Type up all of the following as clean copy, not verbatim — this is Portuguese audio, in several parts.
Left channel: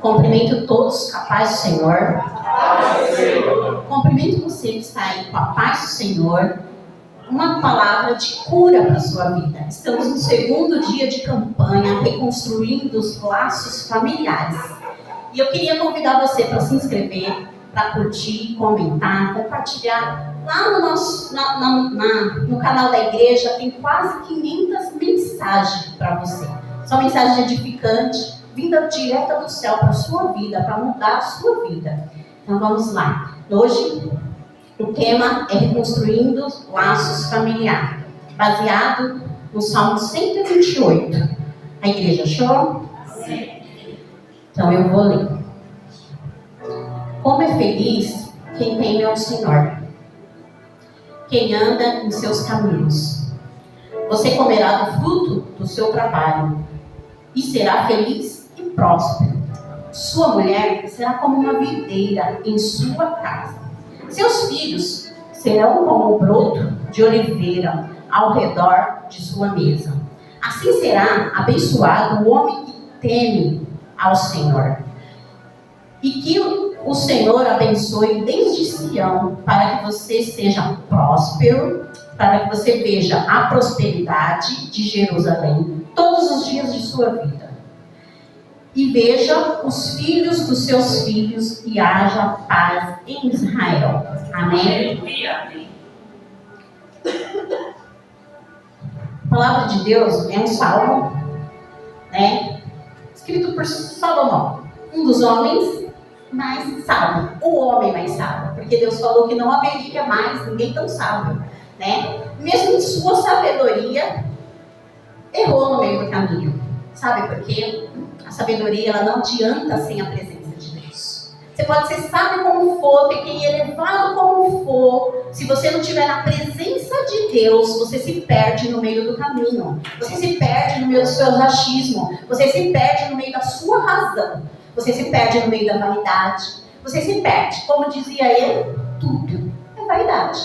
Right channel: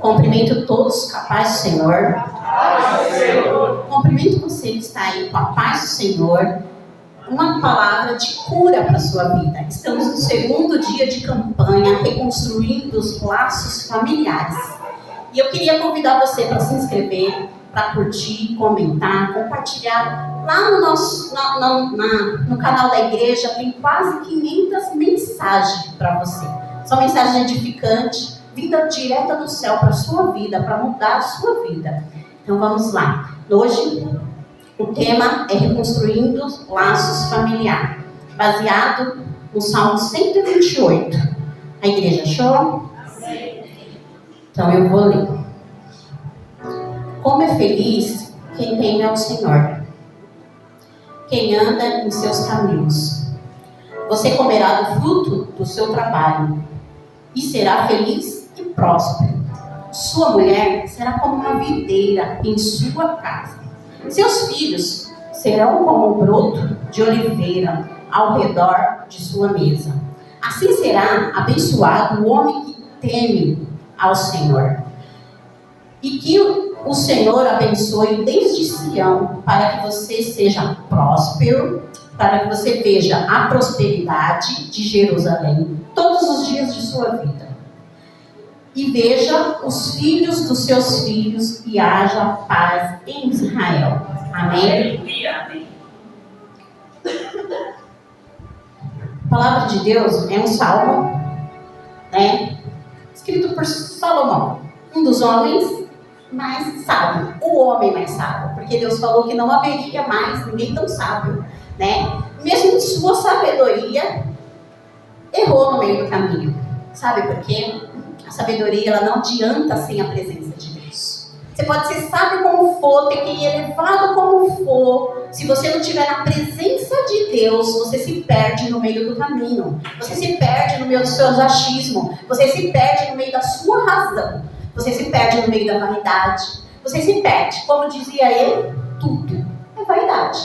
Cumprimento todos com a paz do Senhor. Cumprimento você que está aí com a paz do Senhor. Uma palavra de cura para a sua vida. Estamos no segundo dia de campanha, reconstruindo os laços familiares. E eu queria convidar você para se inscrever, para curtir, comentar, compartilhar. Lá no nosso, no canal da igreja tem quase 500 mensagens para você. São mensagens edificantes, vinda direta do céu para a sua vida, para mudar a sua vida. Então vamos lá. Hoje o tema é reconstruindo os laços familiares, baseado no Salmo 128. A igreja achou? Sim. Então eu vou ler. Como é feliz quem teme ao Senhor, quem anda em seus caminhos. Você comerá do fruto do seu trabalho e será feliz e próspero. Sua mulher será como uma videira em sua casa. Seus filhos serão como um broto de oliveira ao redor de sua mesa. Assim será abençoado o homem que teme ao Senhor. E que o Senhor abençoe desde Sião, para que você seja próspero, para que você veja a prosperidade de Jerusalém todos os dias de sua vida. E veja os filhos dos seus filhos e haja paz em Israel. Amém? A palavra de Deus é um salmo, né, escrito por Salomão, um dos homens mais sábios, o homem mais sábio, porque Deus falou que não haveria mais ninguém tão sábio, né? Mesmo em sua sabedoria, errou no meio do caminho. Sabe por quê? A sabedoria, ela não adianta sem a presença de Deus. Você pode ser sábio como for, ter que ir elevado como for. Se você não estiver na presença de Deus, você se perde no meio do caminho. Você se perde no meio do seu achismo. Você se perde no meio da sua razão. Você se perde no meio da vaidade. Você se perde, como dizia ele, tudo é vaidade.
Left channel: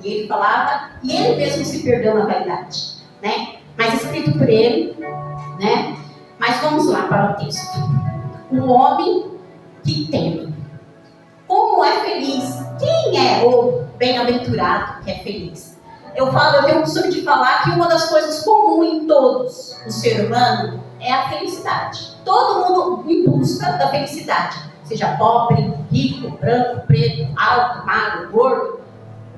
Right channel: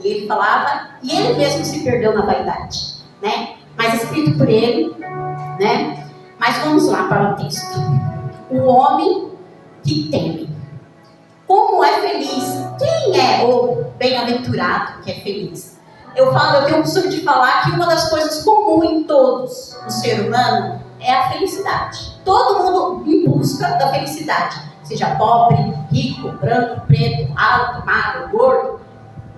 E ele falava, e ele mesmo se perdeu na vaidade, né? Mas escrito por ele, né? Mas vamos lá para o texto. O homem que teme. Como é feliz? Quem é o bem-aventurado que é feliz? Eu tenho o costume de falar que uma das coisas comuns em todos o ser humano é a felicidade. Todo mundo em busca da felicidade. Seja pobre, rico, branco, preto, alto, magro, gordo.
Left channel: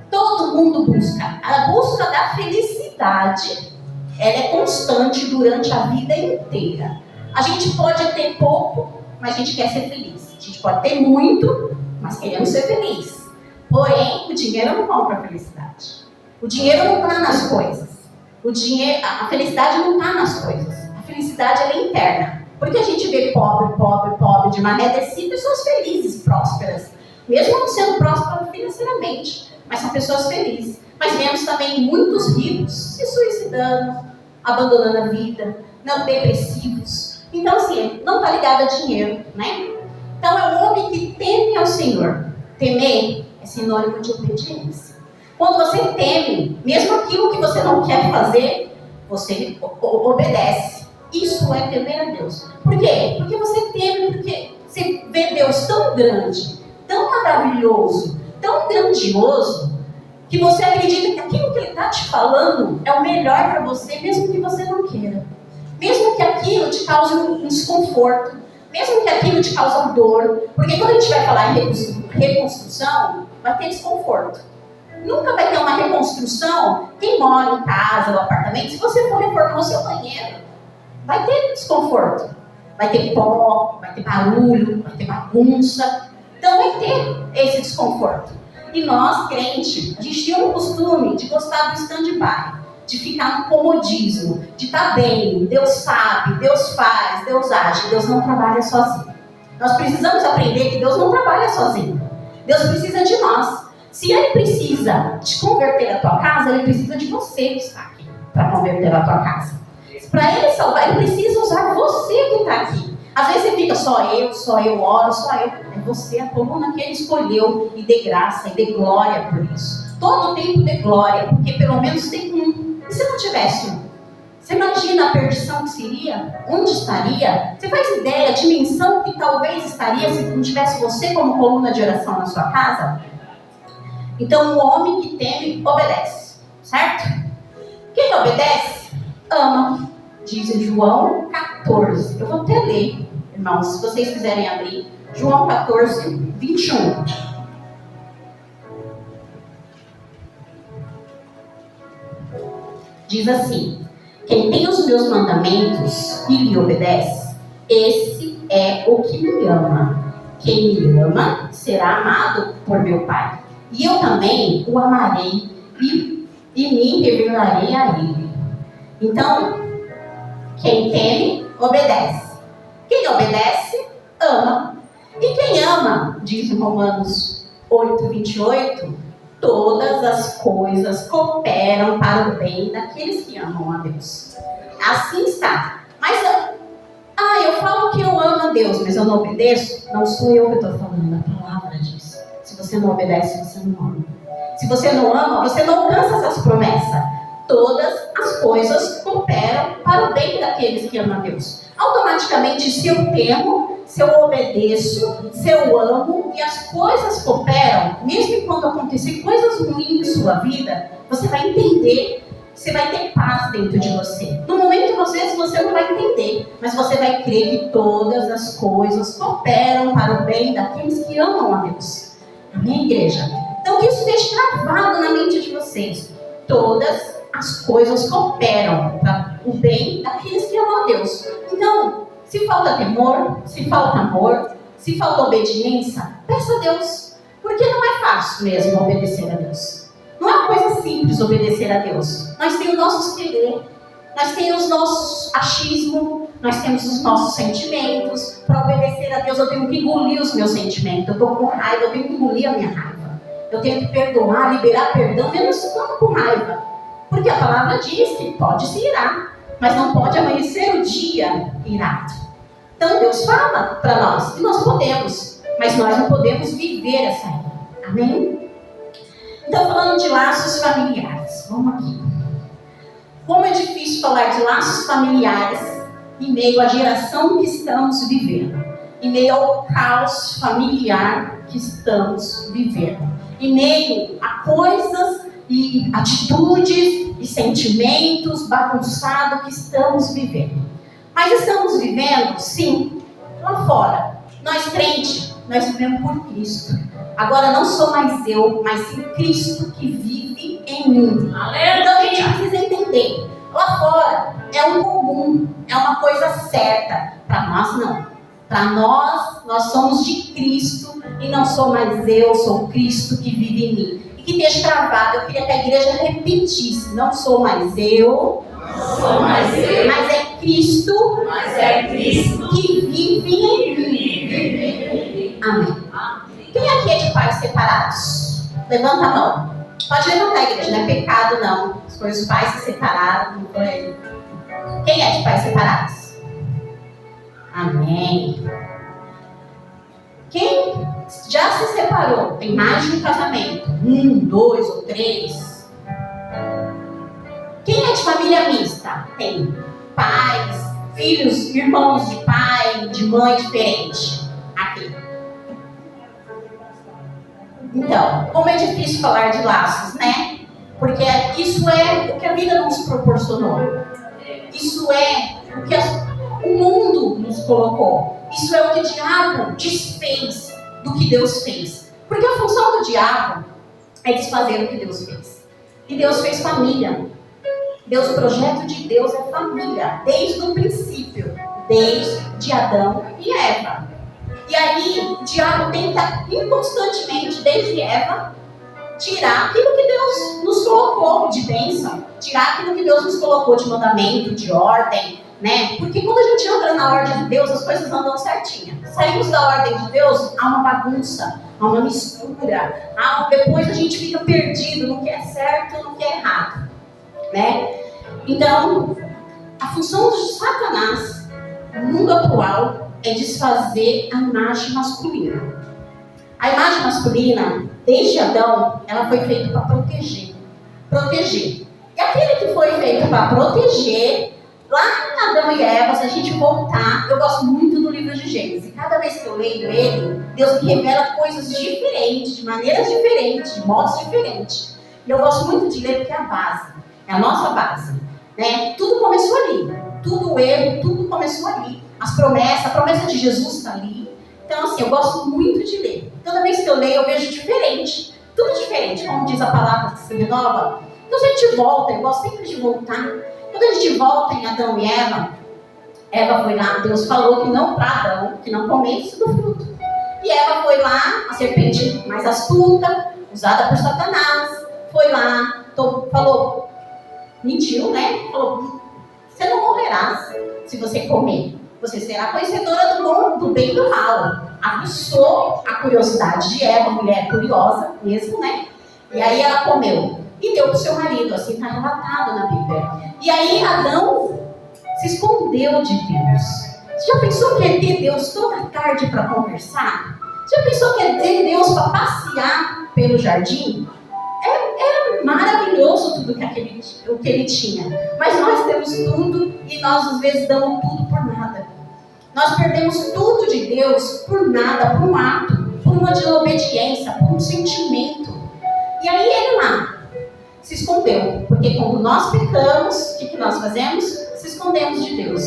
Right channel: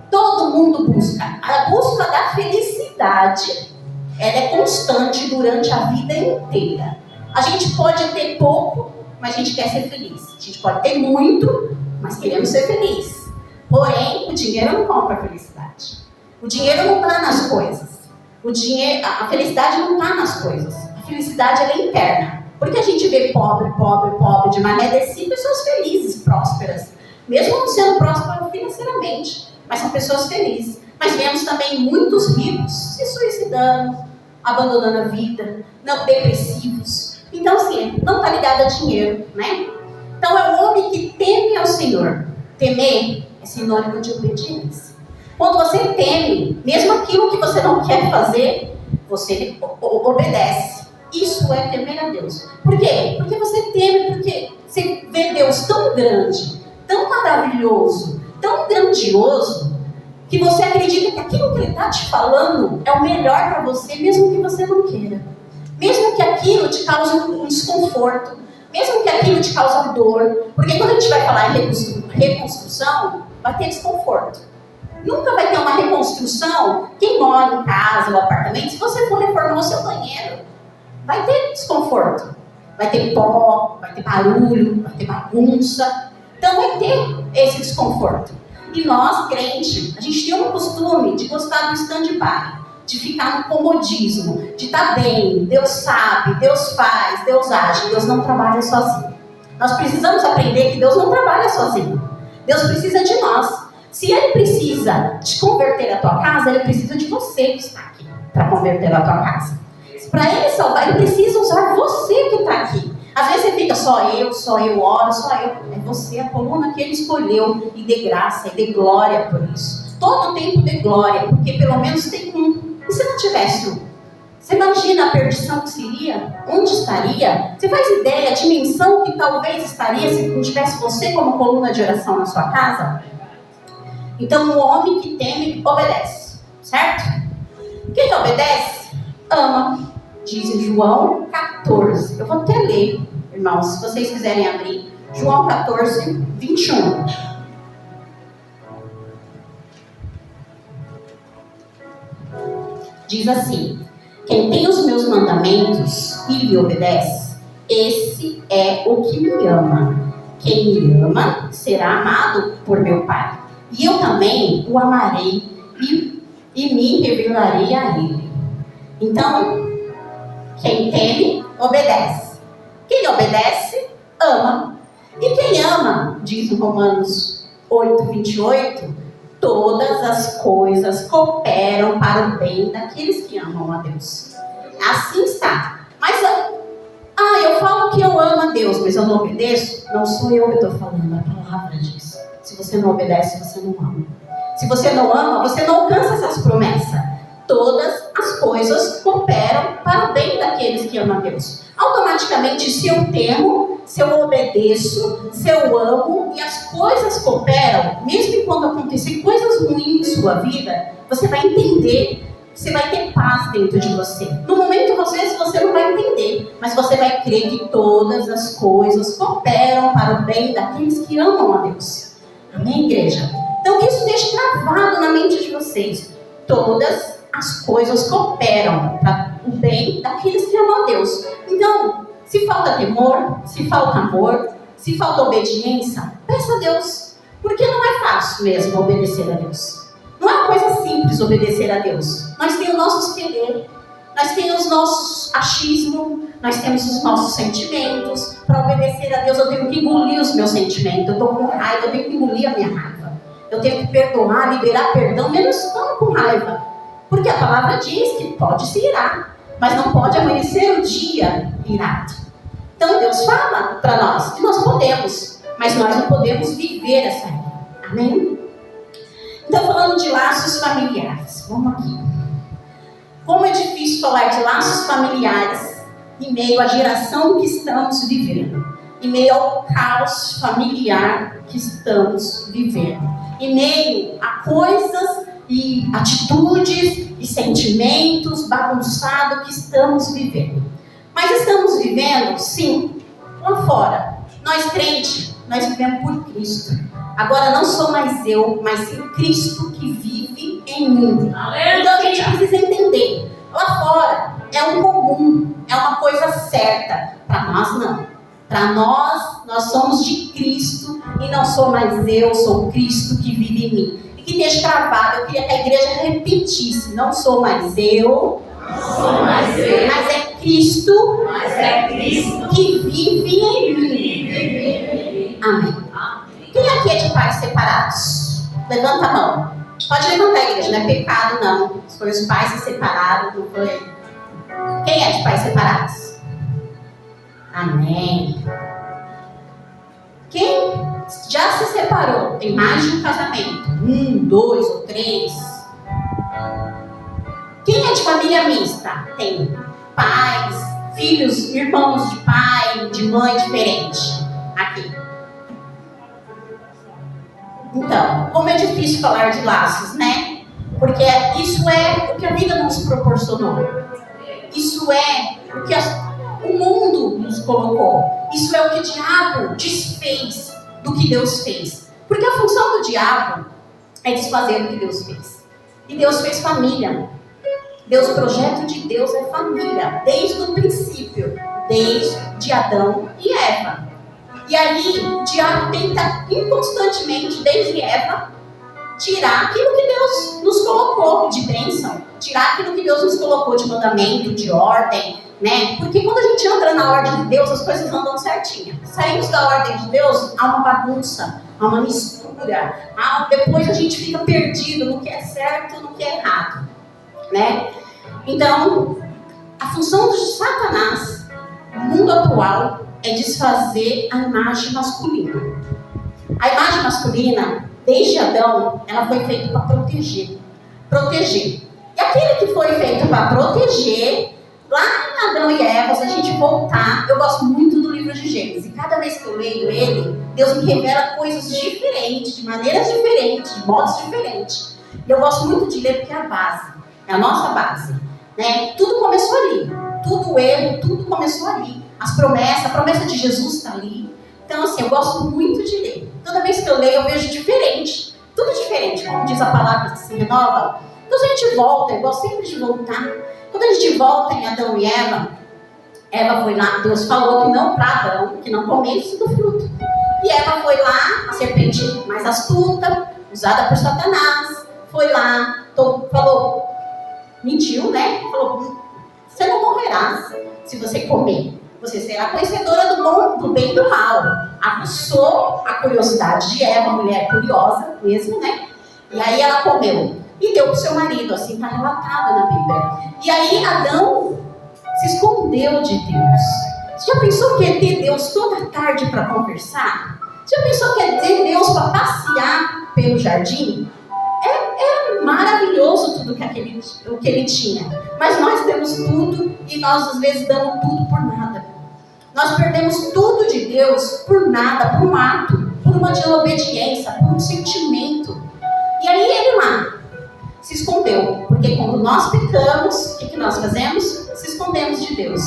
Todo mundo busca. A busca da felicidade, ela é constante durante a vida inteira. A gente pode ter pouco, mas a gente quer ser feliz. A gente pode ter muito, mas queremos ser feliz. Porém, o dinheiro não compra a felicidade. O dinheiro não está nas coisas. A felicidade não está nas coisas. A felicidade, ela é interna. Porque a gente vê pobre, de maré descida, pessoas felizes, prósperas. Mesmo não sendo prósperas financeiramente, mas são pessoas felizes. Mas vemos também muitos ricos se suicidando, abandonando a vida, não depressivos. Então, assim, não está ligado a dinheiro, né? Então, é o homem que teme ao Senhor. Temer é sinônimo de obediência. Quando você teme, mesmo aquilo que você não quer fazer, você obedece. Isso é temer a Deus. Por quê? Porque você teme, porque você vê Deus tão grande, tão maravilhoso, tão grandioso, que você acredita que aquilo que Ele está te falando é o melhor para você, mesmo que você não queira. Mesmo que aquilo te cause um desconforto, mesmo que aquilo te cause dor. Porque quando a gente vai falar em reconstrução, vai ter desconforto. Nunca vai ter uma reconstrução, quem mora em casa ou apartamento, se você for reformar o seu banheiro, vai ter desconforto. Vai ter pó, vai ter barulho, vai ter bagunça. Então vai ter esse desconforto. E nós, crentes, a gente tem um costume de gostar do stand-by, de ficar no comodismo, de estar bem. Deus sabe, Deus faz, Deus age. Deus não trabalha sozinho. Nós precisamos aprender que Deus não trabalha sozinho. Deus precisa de nós. Se Ele precisa te converter a tua casa, Ele precisa de você que está aqui para converter a tua casa. Para Ele salvar, Ele precisa usar você que está aqui. Às vezes você fica, só eu oro, só eu. É você, a coluna que Ele escolheu, e dê graça, e dê glória por isso. Todo tempo dê glória, porque pelo menos tem um. E se não tivesse um? Você imagina a perdição que seria? Onde estaria? Você faz ideia, a dimensão que talvez estaria se não tivesse você como coluna de oração na sua casa? Então, o homem que teme, obedece. Certo? Quem obedece, ama. Diz em João 14. Eu vou até ler, irmãos, se vocês quiserem abrir. João 14, 21. Diz assim: quem tem os meus mandamentos e lhe obedece, esse é o que me ama. Quem me ama será amado por meu Pai. E eu também o amarei e me revelarei a ele. Então, quem teme, obedece. Quem obedece, ama. E quem ama, diz em Romanos 8, 28, todas as coisas cooperam para o bem daqueles que amam a Deus. Assim está. Mas, eu falo que eu amo a Deus, mas eu não obedeço? Não sou eu que estou falando, a palavra diz. Se você não obedece, você não ama. Se você não ama, você não alcança essas promessas. Todas as coisas cooperam para o bem daqueles que amam a Deus. Automaticamente, se eu temo, se eu obedeço, se eu amo e as coisas cooperam, mesmo quando acontecer coisas ruins em sua vida, você vai entender, você vai ter paz dentro de você. No momento, às vezes, você não vai entender, mas você vai crer que todas as coisas cooperam para o bem daqueles que amam a Deus. Amém, igreja? Então, que isso deixe gravado na mente de vocês. Todas as coisas cooperam para o bem daqueles que amam a Deus. Então, se falta temor, se falta amor, se falta obediência, peça a Deus. Porque não é fácil mesmo obedecer a Deus. Não é uma coisa simples obedecer a Deus. Nós temos os nossos querer, nós temos os nossos achismos, nós temos os nossos sentimentos. Para obedecer a Deus, eu tenho que engolir os meus sentimentos. Eu estou com raiva, eu tenho que engolir a minha raiva. Eu tenho que perdoar, liberar perdão, mesmo estando com raiva. Porque a palavra diz que pode se irar, mas não pode amanhecer o dia irado. Então Deus fala para nós que nós podemos, mas nós não podemos viver essa ira. Amém? Então, falando de laços familiares, vamos aqui. Como é difícil falar de laços familiares em meio à geração que estamos vivendo, em meio ao caos familiar que estamos vivendo, em meio a coisas e atitudes e sentimentos bagunçados que estamos vivendo. Mas estamos vivendo, sim, lá fora. Nós crentes, nós vivemos por Cristo. Agora não sou mais eu, mas sim Cristo que vive em mim. Aleluia. Então a gente precisa entender. Lá fora é um comum, é uma coisa certa. Para nós não. Para nós somos de Cristo e não sou mais eu, sou Cristo que vive em mim. Que deixa gravado, eu queria que a igreja repetisse: não sou mais eu, mas é Cristo, que vive em mim. Amém. Quem aqui é de pais separados? Levanta a mão. Pode levantar, a igreja, não é pecado não. Foi os pais se separaram, não foi? Quem é de pais separados? Amém. Quem já se separou, tem mais de um casamento, 1, 2 ou 3. Quem é de família mista? Tem pais, filhos, irmãos de pai, de mãe diferente. Aqui. Então, como é difícil falar de laços, né? Porque isso é o que a vida nos proporcionou. Isso é o que o mundo nos colocou. Isso é o que o diabo desfez do que Deus fez. Porque a função do diabo é desfazer o que Deus fez. E Deus fez família. O projeto de Deus é família, desde o princípio, desde Adão e Eva. E aí, o diabo tenta inconstantemente, desde Eva, tirar aquilo que Deus nos colocou de bênção, tirar aquilo que Deus nos colocou de mandamento, de ordem, né? Porque quando a gente entra na ordem de Deus, as coisas andam certinho. Saímos da ordem de Deus, há uma bagunça, há uma mistura, depois a gente fica perdido no que é certo e no que é errado, né? Então, a função de Satanás no mundo atual é desfazer a imagem masculina. A imagem masculina, desde Adão, ela foi feita para proteger. E aquele que foi feito para proteger, lá em Adão e Eva, se a gente voltar, eu gosto muito do livro de Gênesis. E cada vez que eu leio ele, Deus me revela coisas diferentes, de maneiras diferentes, de modos diferentes. E eu gosto muito de ler porque é a base, é a nossa base, né? Tudo começou ali, tudo erro, tudo começou ali. As promessas, a promessa de Jesus está ali. Então, assim, eu gosto muito de ler. Toda vez que eu leio, eu vejo diferente. Tudo diferente, como diz a palavra que se renova. Então, se a gente volta, eu gosto sempre de voltar. Quando a gente volta em Adão e Eva, Eva foi lá, Deus falou que não para Adão, que não comesse do fruto. E Eva foi lá, a serpente mais astuta, usada por Satanás, foi lá, falou, mentiu, né? Falou, você não morrerás se você comer. Você será conhecedora do bom, do bem e do mal. Aguçou a curiosidade de Eva, mulher curiosa mesmo, né? E aí ela comeu. E deu para o seu marido, assim está relatado na Bíblia. E aí Adão se escondeu de Deus. Você já pensou que ia ter Deus toda tarde para conversar? Você já pensou que ia ter Deus para passear pelo jardim? Era maravilhoso tudo o que ele tinha. Mas nós temos tudo e nós às vezes damos tudo por nada. Nós perdemos tudo de Deus por nada, por um ato, por uma desobediência, por um sentimento. E aí ele lá se escondeu. Porque quando nós pecamos, o que nós fazemos? Se escondemos de Deus.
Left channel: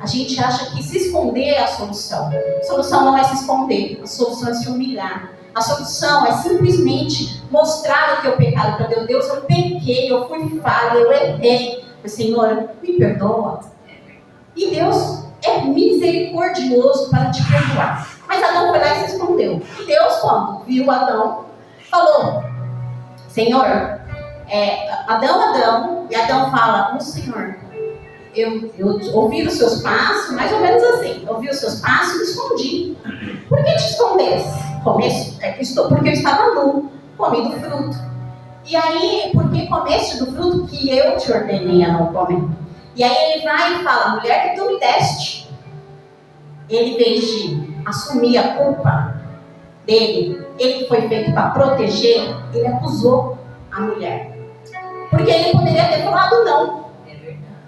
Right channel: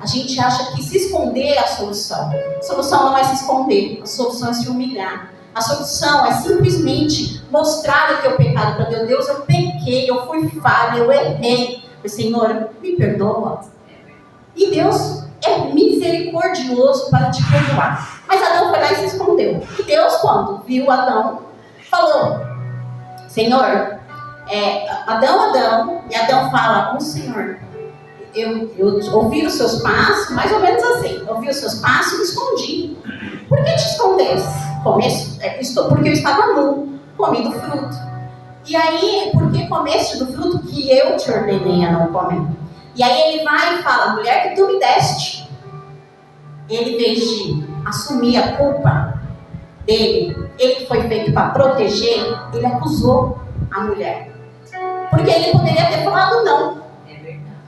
A gente acha que se esconder é a solução. A solução não é se esconder, a solução é se humilhar. A solução é simplesmente mostrar o teu pecado para Deus. Deus, eu pequei, eu fui falha, eu errei. Mas, Senhor, me perdoa. E Deus é misericordioso para te perdoar. Mas Adão foi lá e se escondeu. E Deus, quando viu Adão, falou, Senhor, Adão, e Adão fala, o Senhor, eu ouvi os seus passos, mais ou menos assim, ouvi os seus passos e me escondi. Por que te escondesse? Porque eu estava nu, comi do fruto. E aí, porque comeste do fruto que eu te ordenei a não comer? E aí ele vai e fala, mulher que tu me deste. Ele, em vez de assumir a culpa dele, ele que foi feito para proteger, ele acusou a mulher. Porque ele poderia ter falado não.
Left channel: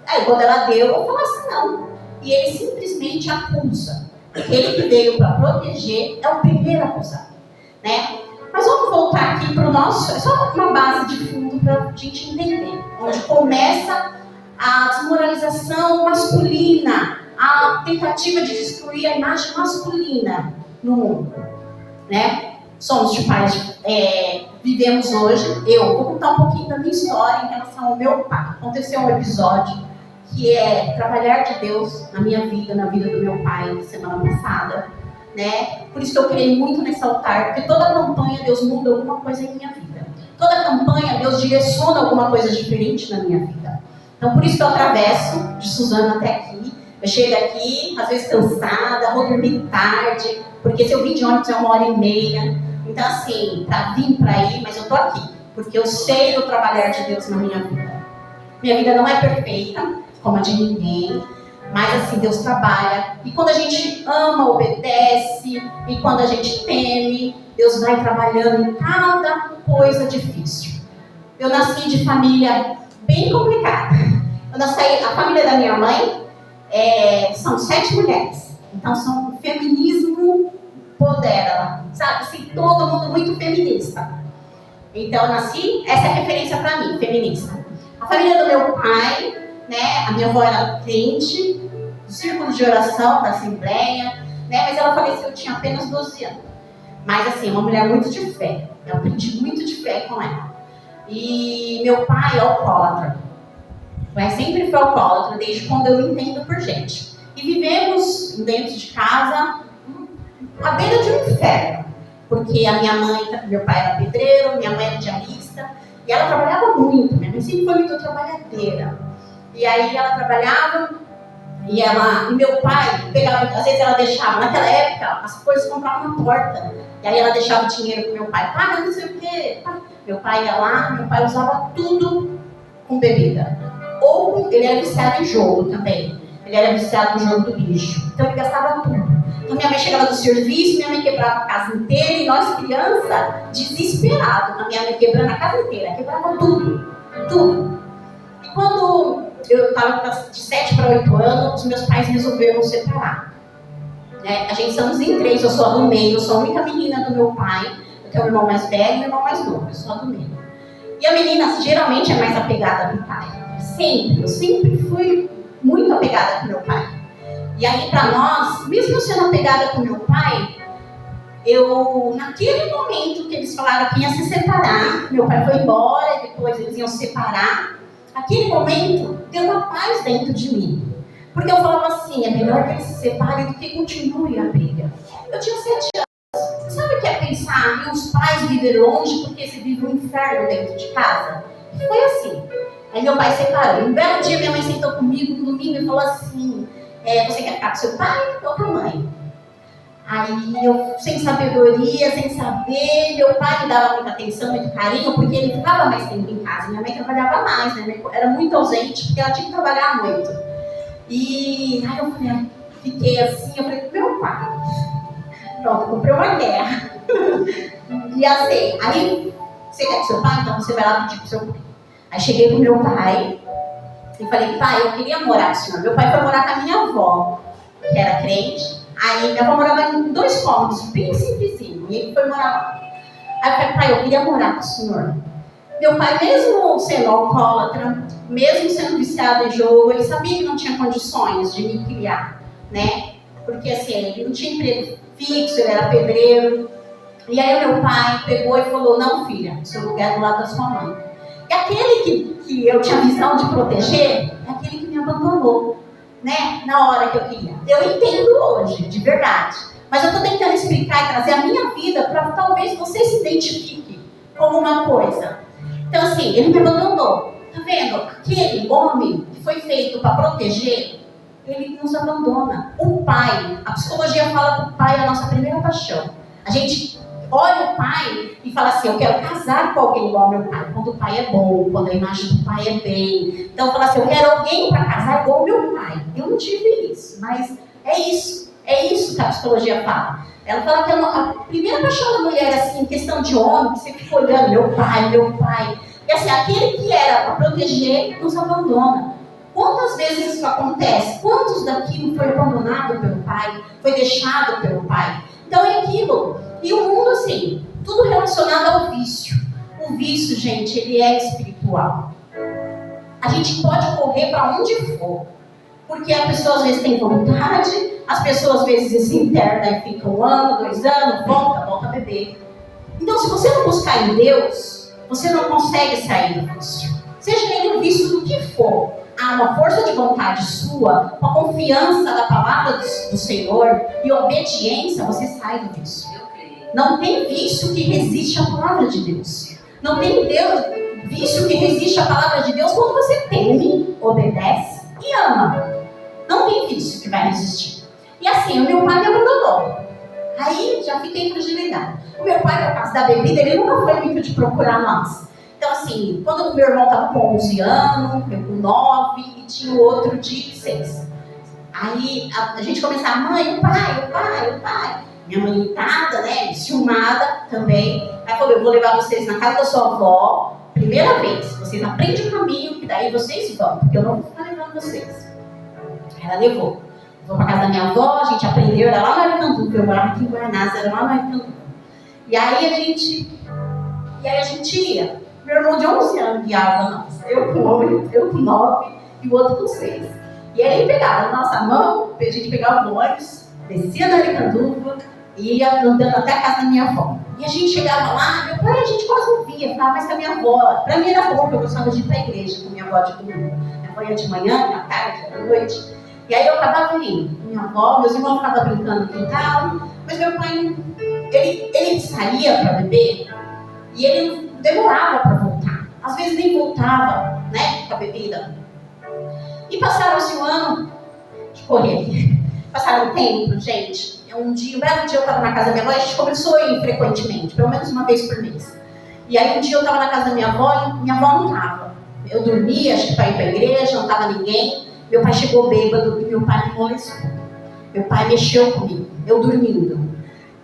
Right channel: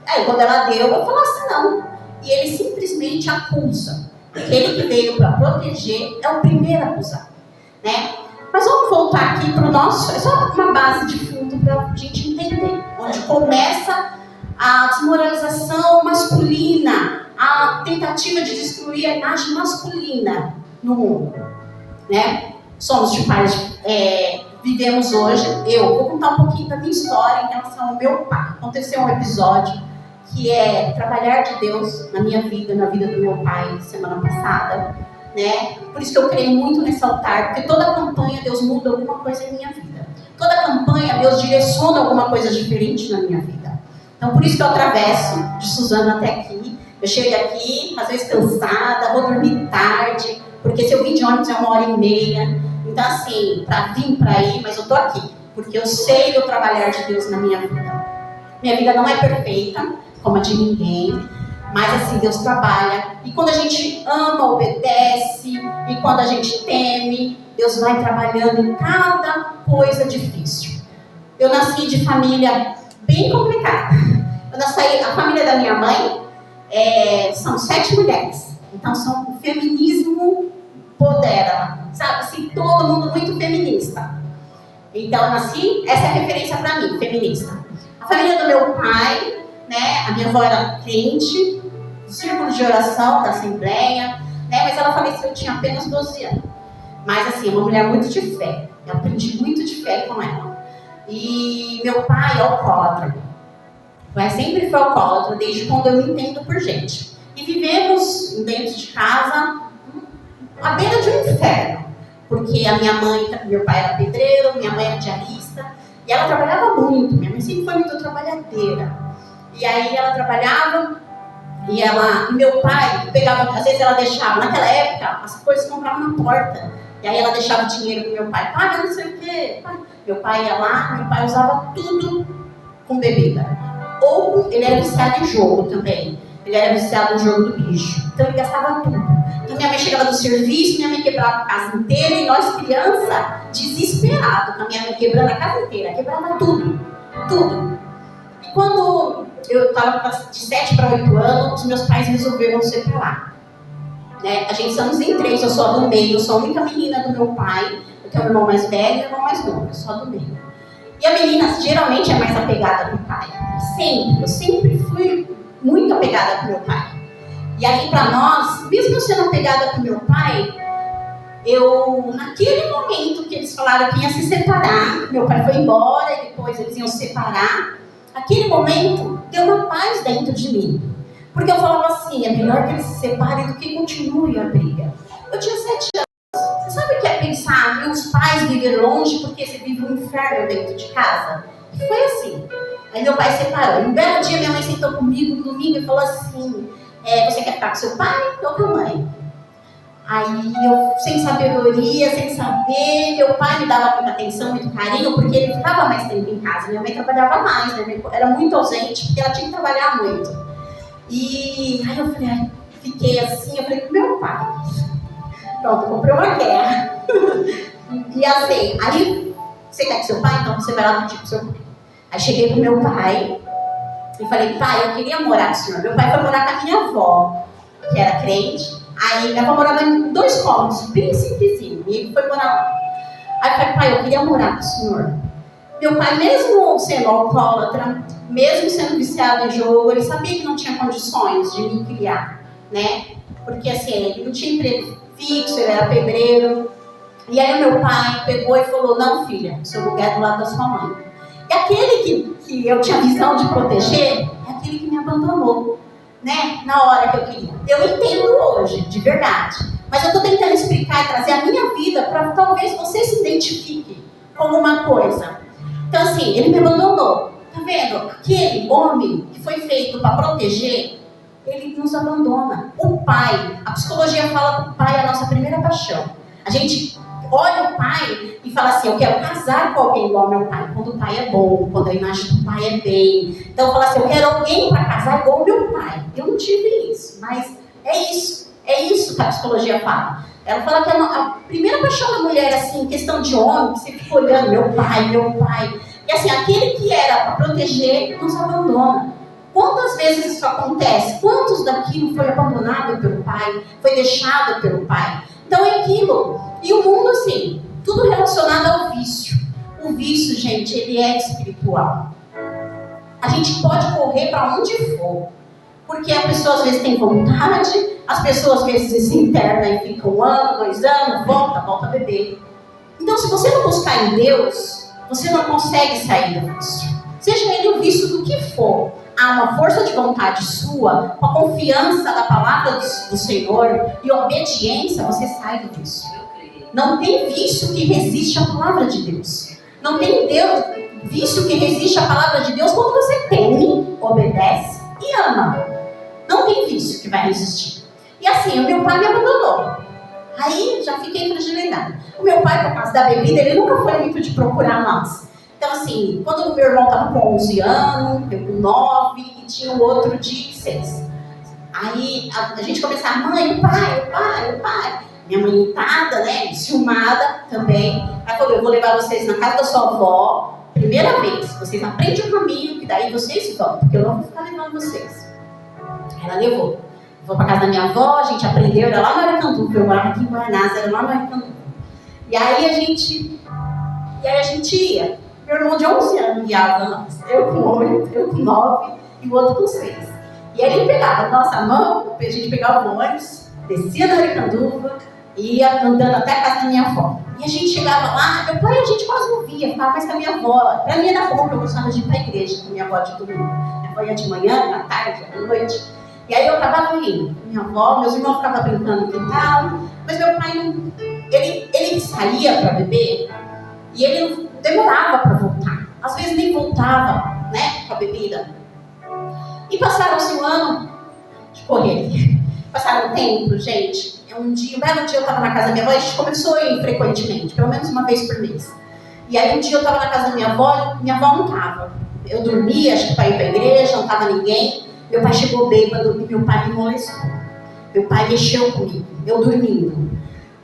Aí quando ela deu, eu falasse não. E ele simplesmente acusa. Ele que veio para proteger é o primeiro acusado, né? Mas vamos voltar aqui para o nosso... É só uma base de fundo para a gente entender. Onde começa a desmoralização masculina, a tentativa de destruir a imagem masculina no mundo, né? Somos de pais... vivemos hoje... Eu vou contar um pouquinho da minha história em relação ao meu pai. Aconteceu um episódio que é trabalhar de Deus na minha vida, na vida do meu pai, semana passada, né? Por isso que eu creio muito nesse altar, porque toda campanha Deus muda alguma coisa em minha vida. Toda campanha Deus direciona alguma coisa diferente na minha vida. Então por isso que eu atravesso de Suzano até aqui. Eu chego aqui, às vezes cansada, vou dormir tarde, porque se eu vim de ônibus é 1h30. Então assim, para vir para ir, mas eu tô aqui, porque eu sei do trabalhar de Deus na minha vida. Minha vida não é perfeita, como a de ninguém, mas assim, Deus trabalha, e quando a gente ama, obedece, e quando a gente teme, Deus vai trabalhando em cada coisa difícil. Eu nasci de família bem complicada. A família da minha mãe são 7 mulheres, então o feminismo podera, sabe, assim, todo mundo muito feminista. Então eu nasci, essa é a referência para mim, feminista. A família do meu pai, né, a minha avó era crente, do círculo de oração da Assembleia, né, mas ela faleceu, eu tinha apenas 12 anos. Mas assim, uma mulher muito de fé, eu aprendi muito de fé com ela. E meu pai é alcoólatra, mas sempre foi alcoólatra, desde quando eu me entendo por gente. E vivemos dentro de casa, à beira de um inferno, porque a minha mãe, meu pai era pedreiro, minha mãe era diarista, e ela trabalhava muito, minha mãe sempre foi muito trabalhadeira. E aí ela trabalhava e meu pai pegava, às vezes ela deixava, naquela época as coisas compravam na porta. E aí ela deixava dinheiro pro meu pai, paga não sei o quê. Meu pai ia lá, meu pai usava tudo com bebida. Ele era viciado em jogo também. Ele era viciado no jogo do bicho. Então ele gastava tudo. Então minha mãe chegava do serviço, minha mãe quebrava a casa inteira e nós crianças desesperados com a minha mãe quebrando a casa inteira, quebrava tudo. Tudo. E quando eu estava de 7 para 8 anos, os meus pais resolveram separar. Né? A gente somos em 3, eu sou a do meio, eu sou a única menina do meu pai, eu tenho um irmão mais velho e um irmão mais novo, eu sou a do meio. E a menina geralmente é mais apegada com o pai. Sempre, eu sempre fui muito apegada com meu pai. E aí para nós, mesmo sendo apegada com meu pai, naquele momento que eles falaram que ia se separar, meu pai foi embora e depois eles iam se separar, aquele momento deu uma paz dentro de mim. Porque eu falava assim, é melhor que eles se separem do que continue a briga. Eu tinha 7 anos. Você sabe o que é pensar em os pais viver longe porque você vive um inferno dentro de casa? E foi assim. Aí meu pai separou. Um belo dia minha mãe sentou comigo no domingo e falou assim, você quer ficar com seu pai ou com a mãe? Aí eu, sem sabedoria, sem saber, meu pai me dava muita atenção, muito carinho, porque ele ficava mais tempo em casa. Minha mãe trabalhava mais, né? Era muito ausente, porque ela tinha que trabalhar muito. E aí eu falei, fiquei assim, eu falei, meu pai. Pronto, comprei uma guerra. E assim, aí, você quer que seu pai? Então você vai lá pedir pro seu pai. Aí cheguei pro meu pai e falei, pai, eu queria morar com o senhor. Meu pai foi morar com a minha avó, que era crente. Aí minha avó morava em 2 cômodos, bem simplesinho. E ele foi morar lá. Aí eu falei, pai, eu queria morar com o senhor. Meu pai, mesmo sendo alcoólatra, mesmo sendo viciado em jogo, ele sabia que não tinha condições de me criar, né? Porque assim, ele não tinha emprego fixo, ele era pedreiro. E aí o meu pai pegou e falou, não, filha, seu lugar é do lado da sua mãe. E aquele que eu tinha visão de proteger, é aquele que me abandonou, né? Na hora que eu queria. Eu entendo hoje, de verdade. Mas eu estou tentando explicar e trazer a minha vida para talvez você se identifique com alguma coisa. Então assim, ele me abandonou. Tá vendo? Aquele homem que foi feito para proteger, ele nos abandona. O pai, a psicologia fala que o pai é a nossa primeira paixão. A gente olha o pai e fala assim, eu quero casar com alguém igual ao meu pai. Quando o pai é bom, quando a imagem do pai é bem. Então fala assim, eu quero alguém para casar igual ao meu pai. Eu não tive isso, mas é isso que a psicologia fala. Ela fala que a primeira paixão da mulher, assim, em questão de homem, que você fica olhando, meu pai. E assim, aquele que era para proteger, nos abandona. Quantas vezes isso acontece? Quantos daqui não foi abandonado pelo pai? Foi deixado pelo pai? Então é aquilo. E o mundo, assim, tudo relacionado ao vício. O vício, gente, ele é espiritual. A gente pode correr para onde for. Porque a pessoa às vezes tem vontade, as pessoas às vezes se internam e ficam 1 ano, 2 anos, volta a beber. Então, se você não buscar em Deus, você não consegue sair do vício. Seja ele o vício do que for, há uma força de vontade sua, com a confiança da palavra do Senhor e obediência, você sai do vício. Não tem vício que resiste à palavra de Deus. Não tem vício que resiste à palavra de Deus quando você teme, obedece e ama. Não tem vício que vai resistir. E assim, o meu pai me abandonou. Aí já fiquei fragilidade. O meu pai, por causa da bebida, ele nunca foi muito de procurar nós. Então assim, quando o meu irmão estava com 11 anos, eu com 9 e tinha o outro de 6. Aí a gente começava, mãe, o pai. Minha mãe irritada, né, ciumada também. Aí falou, eu vou levar vocês na casa da sua avó, primeira vez. Vocês aprendem o caminho, que daí vocês vão, porque eu não vou ficar levando vocês. Aí ela levou. Vou para casa da minha avó, a gente aprendeu, era lá no Aricanduva, eu morava aqui em Guaianás, era lá no Aricanduva. E aí a gente ia. Meu irmão de 11 anos guiava nós. Eu com 8, eu com 9 e o outro com 6. E aí ele pegava a nossa mão, a gente pegava o ônibus, descia na Aricanduva e ia andando até a casa da minha avó. E a gente chegava lá, meu pai a gente quase não via, ficava mais com a minha avó. Pra mim era bom, porque eu gostava de ir pra igreja com a minha avó de domingo. Minha avó ia de manhã, à tarde, à noite. E aí eu acabava indo. Minha avó, meus irmãos ficavam brincando no quintal, mas meu pai não. Ele saía para beber e ele não demorava para voltar. Às vezes nem voltava, né, com a bebida. E passaram-se um ano de correr. Passaram um tempo, gente. Um belo dia eu estava na casa da minha avó e a gente começou a ir frequentemente, pelo menos uma vez por mês. E aí um dia eu estava na casa da minha avó e minha avó não estava. Eu dormia, acho que para ir para a igreja, não estava ninguém. Meu pai chegou bêbado e meu pai me molestou. Meu pai mexeu comigo, eu dormindo.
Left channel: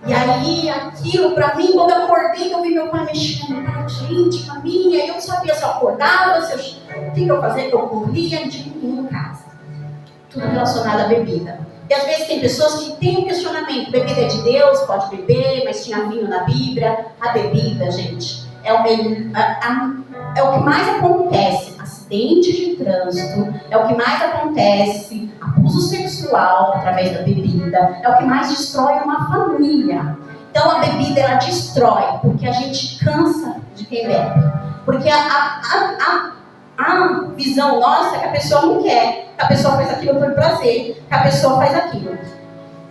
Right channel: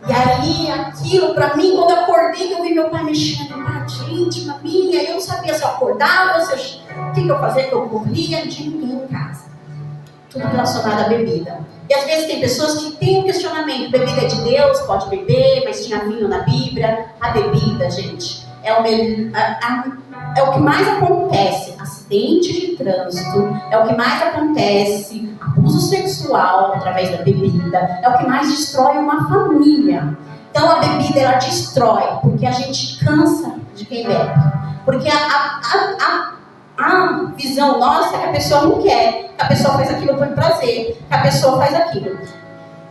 E aí, aquilo pra mim, quando eu acordei, eu vi meu pai mexendo na gente, na minha, eu não sabia se eu acordava, se O que eu fazia? Eu corria de ninguém em casa. Tudo relacionado à bebida. E às vezes tem pessoas que têm um questionamento: bebida é de Deus, pode beber, mas tinha vinho na Bíblia. A bebida, gente, é o que mais acontece. Acidente de trânsito, é o que mais acontece. Abuso sexual através da bebida, é o que mais destrói uma família. Então a bebida, ela destrói, porque a gente cansa de quem bebe. Porque a visão nossa é que a pessoa não quer, que a pessoa faz aquilo por prazer, que a pessoa faz aquilo.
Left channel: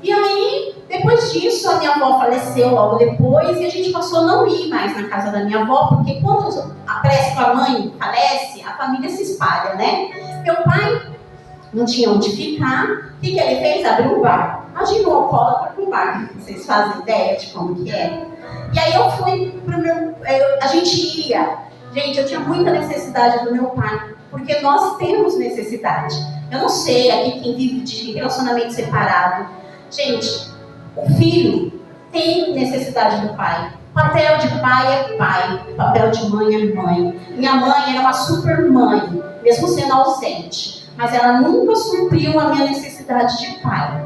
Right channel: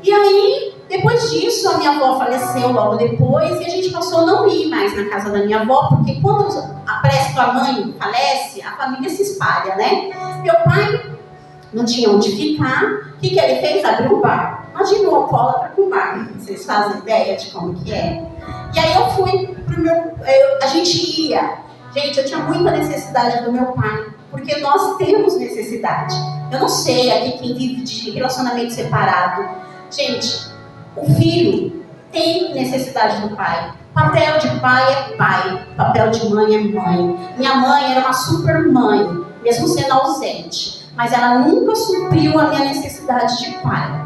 E aí, depois disso, a minha avó faleceu logo depois e a gente passou a não ir mais na casa da minha avó, porque quando parece que a mãe falece, a família se espalha, né? Meu pai não tinha onde ficar. O que ele fez? Abriu um bar. Imagina um alcoólatra com bar. Vocês fazem ideia de como que é? E aí eu fui pro meu... a gente ia. Gente, eu tinha muita necessidade do meu pai, porque nós temos necessidade. Eu não sei aqui quem vive de relacionamento separado. Gente, o filho tem necessidade do pai. Papel de pai é pai, papel de mãe é mãe. Minha mãe era uma super mãe, mesmo sendo ausente, mas ela nunca supriu a minha necessidade de pai.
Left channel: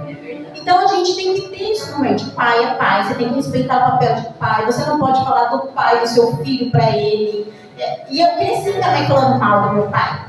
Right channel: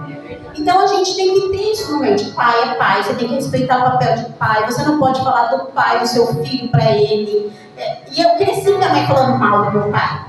Então a gente tem que ter isso no mente. Pai é pai, você tem que respeitar o papel de pai. Você não pode falar do pai do seu filho para ele. E eu cresci também falando mal do meu pai.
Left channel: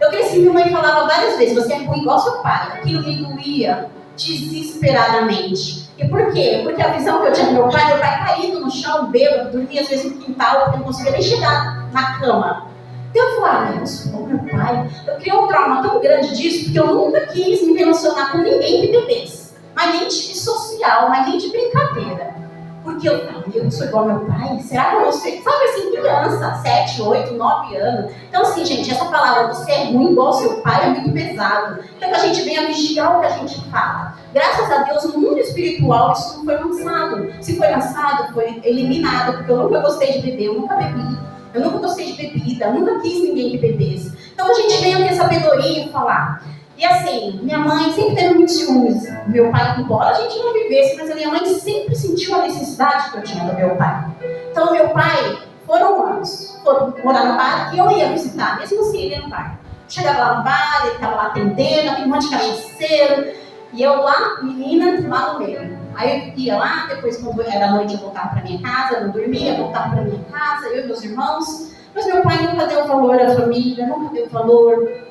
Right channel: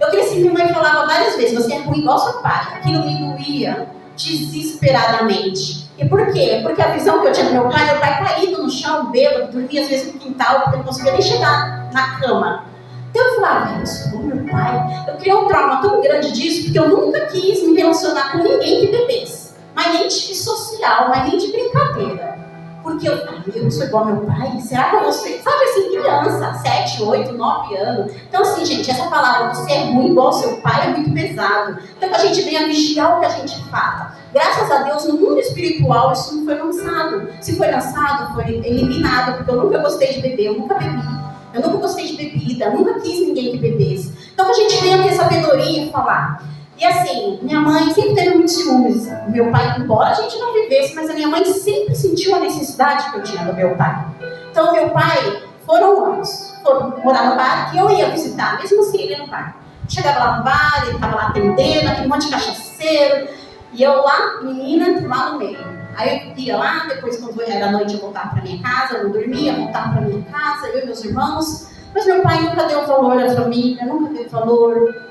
Eu cresci, minha mãe falava várias vezes: você é ruim igual seu pai. Aquilo me doía desesperadamente. E por quê? Porque a visão que eu tinha do meu pai caído no chão, bêbado, dormia às vezes no quintal, porque eu não conseguia nem chegar na cama. Então eu falava: eu sou meu pai. Eu criei um trauma tão grande disso, porque eu nunca quis me relacionar com ninguém que bebesse. Mas nem de social, mas nem de brincadeira. Porque eu sou igual ao meu pai? Será que eu vou ser? Sabe assim, criança, 7, 8, 9 anos. Então assim, gente, essa palavra, você é ruim igual ao seu pai, é muito pesado. Então que a gente venha vigiar o que a gente fala. Graças a Deus, no mundo espiritual, isso não foi lançado. Se foi lançado, foi eliminado, porque eu nunca gostei de beber, eu nunca bebi. Eu nunca gostei de bebida, nunca quis ninguém que bebesse. Então a gente venha ter sabedoria e falar. E assim, minha mãe sempre teve muitos ciúmes. Meu pai, embora a gente não vivesse, mas a minha mãe sempre sentiu a necessidade que eu tinha do meu pai. Então, meu pai, foram anos, foram morar no bar e eu ia visitar, mesmo assim ele ia no bar. Chegava lá no bar, ele estava lá atendendo, aquele monte de cachaceiro, e eu lá, menina, lá no meio. Aí eu ia lá, depois quando era noite eu voltava para minha casa, eu não dormia, voltava para minha casa, eu e meus irmãos. Mas meu pai nunca deu valor à família, nunca deu valor.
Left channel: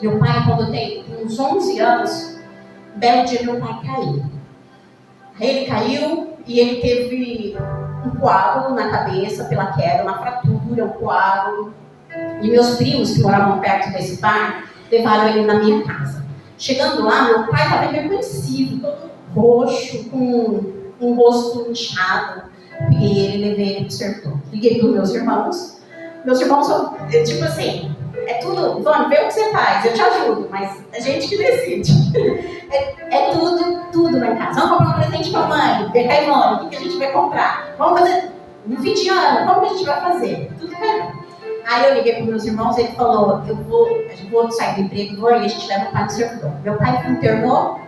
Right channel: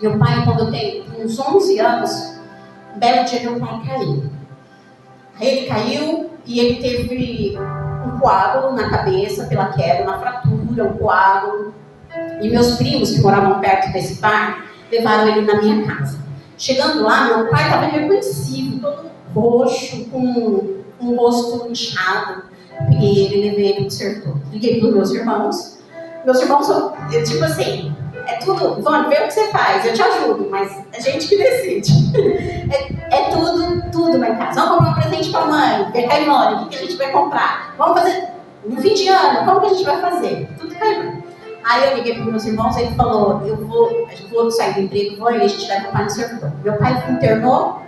Meu pai, quando eu tenho uns 11 anos, um belo dia meu pai caiu. Aí ele caiu e ele teve um coágulo na cabeça pela queda, uma fratura, um coágulo. E meus primos, que moravam perto desse bar, levaram ele na minha casa. Chegando lá, meu pai estava irreconhecível, todo roxo, com um rosto inchado. Peguei ele, levei ele pro sertor. Liguei para os meus irmãos. Meus irmãos são, tipo assim... É tudo, Vânia, vê o que você faz, eu te ajudo, mas é gente que decide. É tudo lá em casa. Vamos comprar um presente pra mãe, ver Caimone, o que a gente vai comprar? Vamos fazer, no fim de ano, como que a gente vai fazer? Tudo Caimone. Aí eu liguei para meus irmãos, ele falou: eu vou sair do emprego, vou, e a gente leva o pai no servidor. Meu pai internou,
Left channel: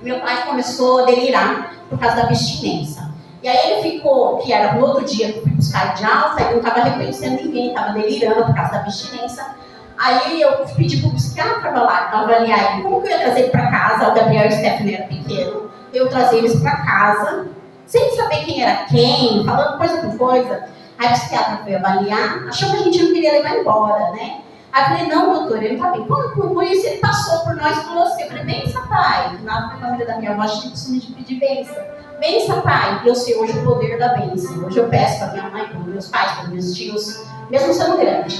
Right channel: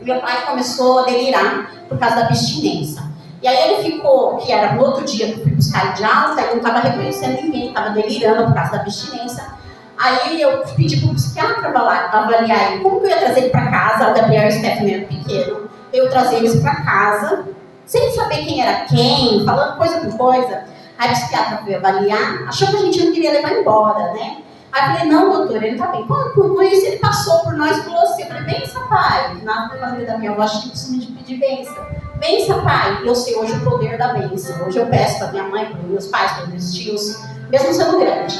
e meu pai começou a delirar por causa da abstinência. E aí ele ficou, que era no outro dia que eu fui buscar de alta, ele não estava reconhecendo ninguém, estava delirando por causa da abstinência. Aí eu pedi para o psiquiatra avaliar ele. Como que eu ia trazer ele para casa? O Gabriel e o Stephanie eram pequenos. Eu trazer eles para casa, sem saber quem era quem, falando coisa por coisa. Aí o psiquiatra foi avaliar, achou que a gente não queria levar embora, né? Aí eu falei: não, doutor, ele não está bem. Com isso, ele passou por nós e falou assim: eu falei: benção, pai. Na família da minha avó, a gente costume de pedir benção. Benção, pai. E eu sei hoje o poder da benção. Hoje eu peço para minha mãe, para meus pais, para meus tios, mesmo sendo grande.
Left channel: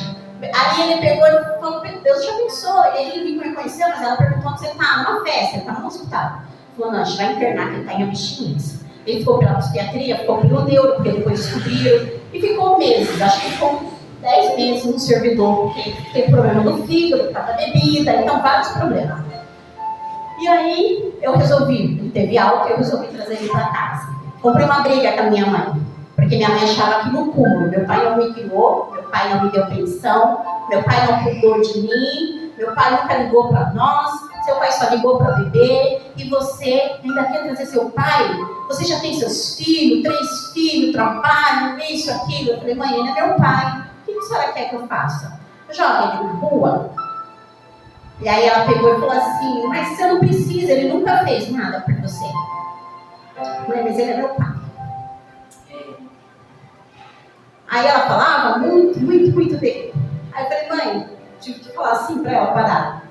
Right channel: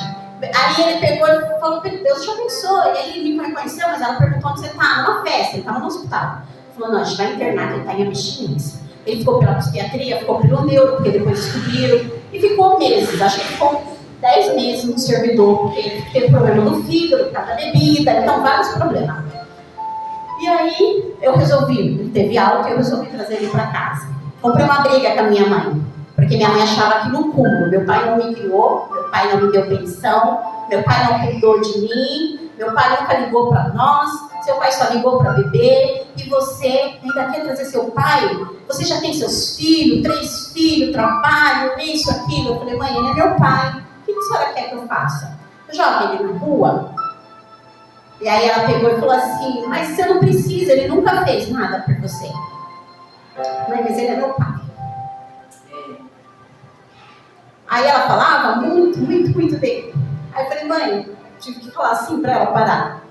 Aí ele pegou e falou: Deus te abençoe. E ele me reconheceu, mas ela perguntou: onde você está? Numa festa, ele estava no hospital. Ele falou: não, a gente vai internar, que ele está em abstinência. Ele ficou pela psiquiatria, ficou pelo neuro, porque depois descobriram, e ficou meses, acho que ficou 10 meses no servidor, porque ele teve problema no fígado, por causa da bebida, então vários problemas. E aí eu resolvi, ele teve alta, eu resolvi trazer ele para casa. Comprei uma briga com a minha mãe, porque minha mãe achava que no cúmulo, meu pai não me criou, meu pai não me deu pensão, meu pai não cuidou de mim, meu pai nunca ligou para nós, seu pai só ligou para beber, e você ainda quer trazer seu pai? Você já tem seus filhos, 3 filhos, trabalho, isso, aquilo. Eu falei: mãe, ele é meu pai, o que a senhora quer que eu faça? joga ele na rua. E aí ela pegou e falou assim, mas você não precisa, ele nunca fez nada por você. Mãe, mas ele é meu pai. Aí ela falava muito dele. Aí eu falei, mãe, tive que falar assim pra ela parar.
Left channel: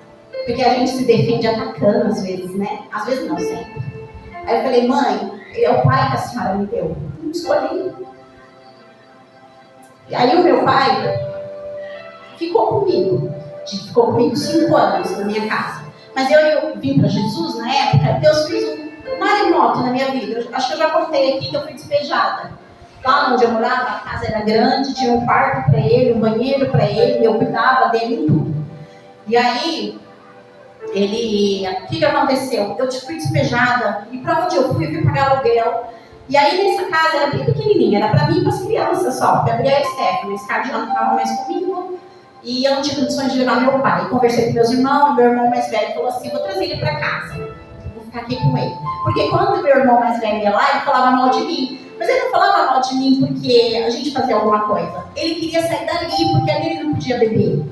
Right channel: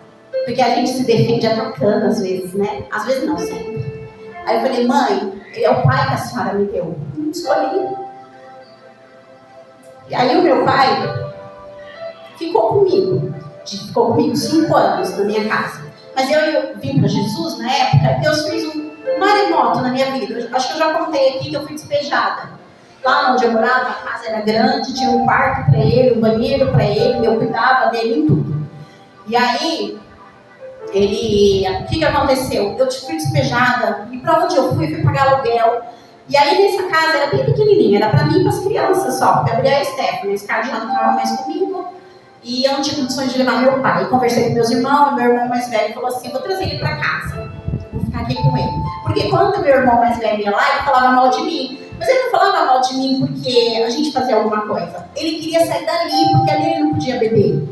Porque a gente se defende atacando às vezes, né? Às vezes não, sempre. Aí eu falei, mãe, ele é o pai que a senhora me deu. Não escolhi. E aí o meu pai ficou comigo 5 anos na minha casa. Mas eu vim para Jesus na época, Deus fez um maremoto na minha vida. Acho que eu já contei aqui que eu fui despejada. Lá onde eu morava, a casa era grande, tinha um quarto para ele, um banheiro para ele, eu cuidava dele em tudo. E aí, o que aconteceu? Eu fui despejada, e para onde eu fui pagar aluguel. E aí nessa casa era bem pequenininha, era para mim e para as crianças só, Gabriel e Stephanie. Esse cara já não estava mais comigo, e eu não tinha condições de levar meu pai. Conversei com meus irmãos, meu irmão mais velho falou assim, vou trazer ele para casa, vou ficar aqui com ele. Porque quando meu irmão mais velho ia lá, ele falava mal de mim. Mas ele não falava mal de mim porque a gente fazia alguma coisa. Ele queria sair dali, porque ali ele não podia beber.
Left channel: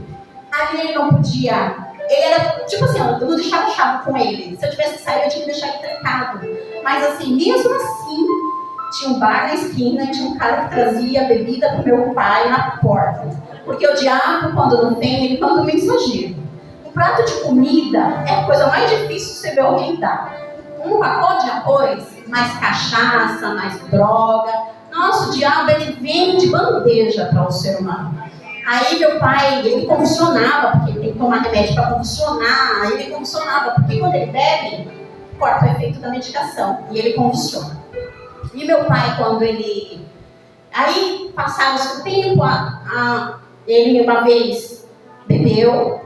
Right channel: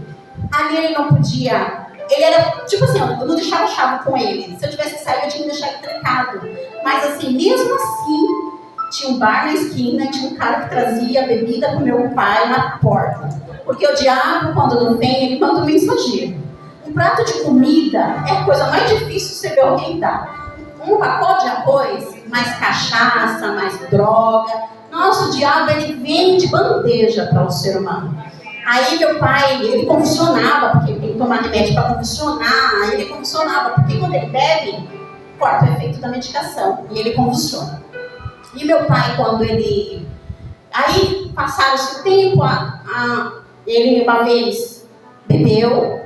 Ali ele não podia... Ele era, tipo assim, eu não deixava chave com ele. Se eu tivesse saído, eu tinha que deixar ele trancado. Mas assim, mesmo assim, tinha um bar na esquina, tinha um cara que trazia bebida pro meu pai na porta. Porque o diabo, quando não tem, ele manda um mensageiro. Um prato de comida é a coisa mais difícil você ver alguém dar. Um pacote de arroz, mais cachaça, mais droga. Nossa, o diabo, ele vem de bandeja para o ser humano. Aí meu pai, ele convulsionava, porque ele tem que tomar remédio para convulsionar. Ele convulsionava, porque quando ele bebe, corta o efeito da medicação e ele convulsiona. E meu pai, quando ele... Aí, passado-se o tempo, ele uma vez bebeu,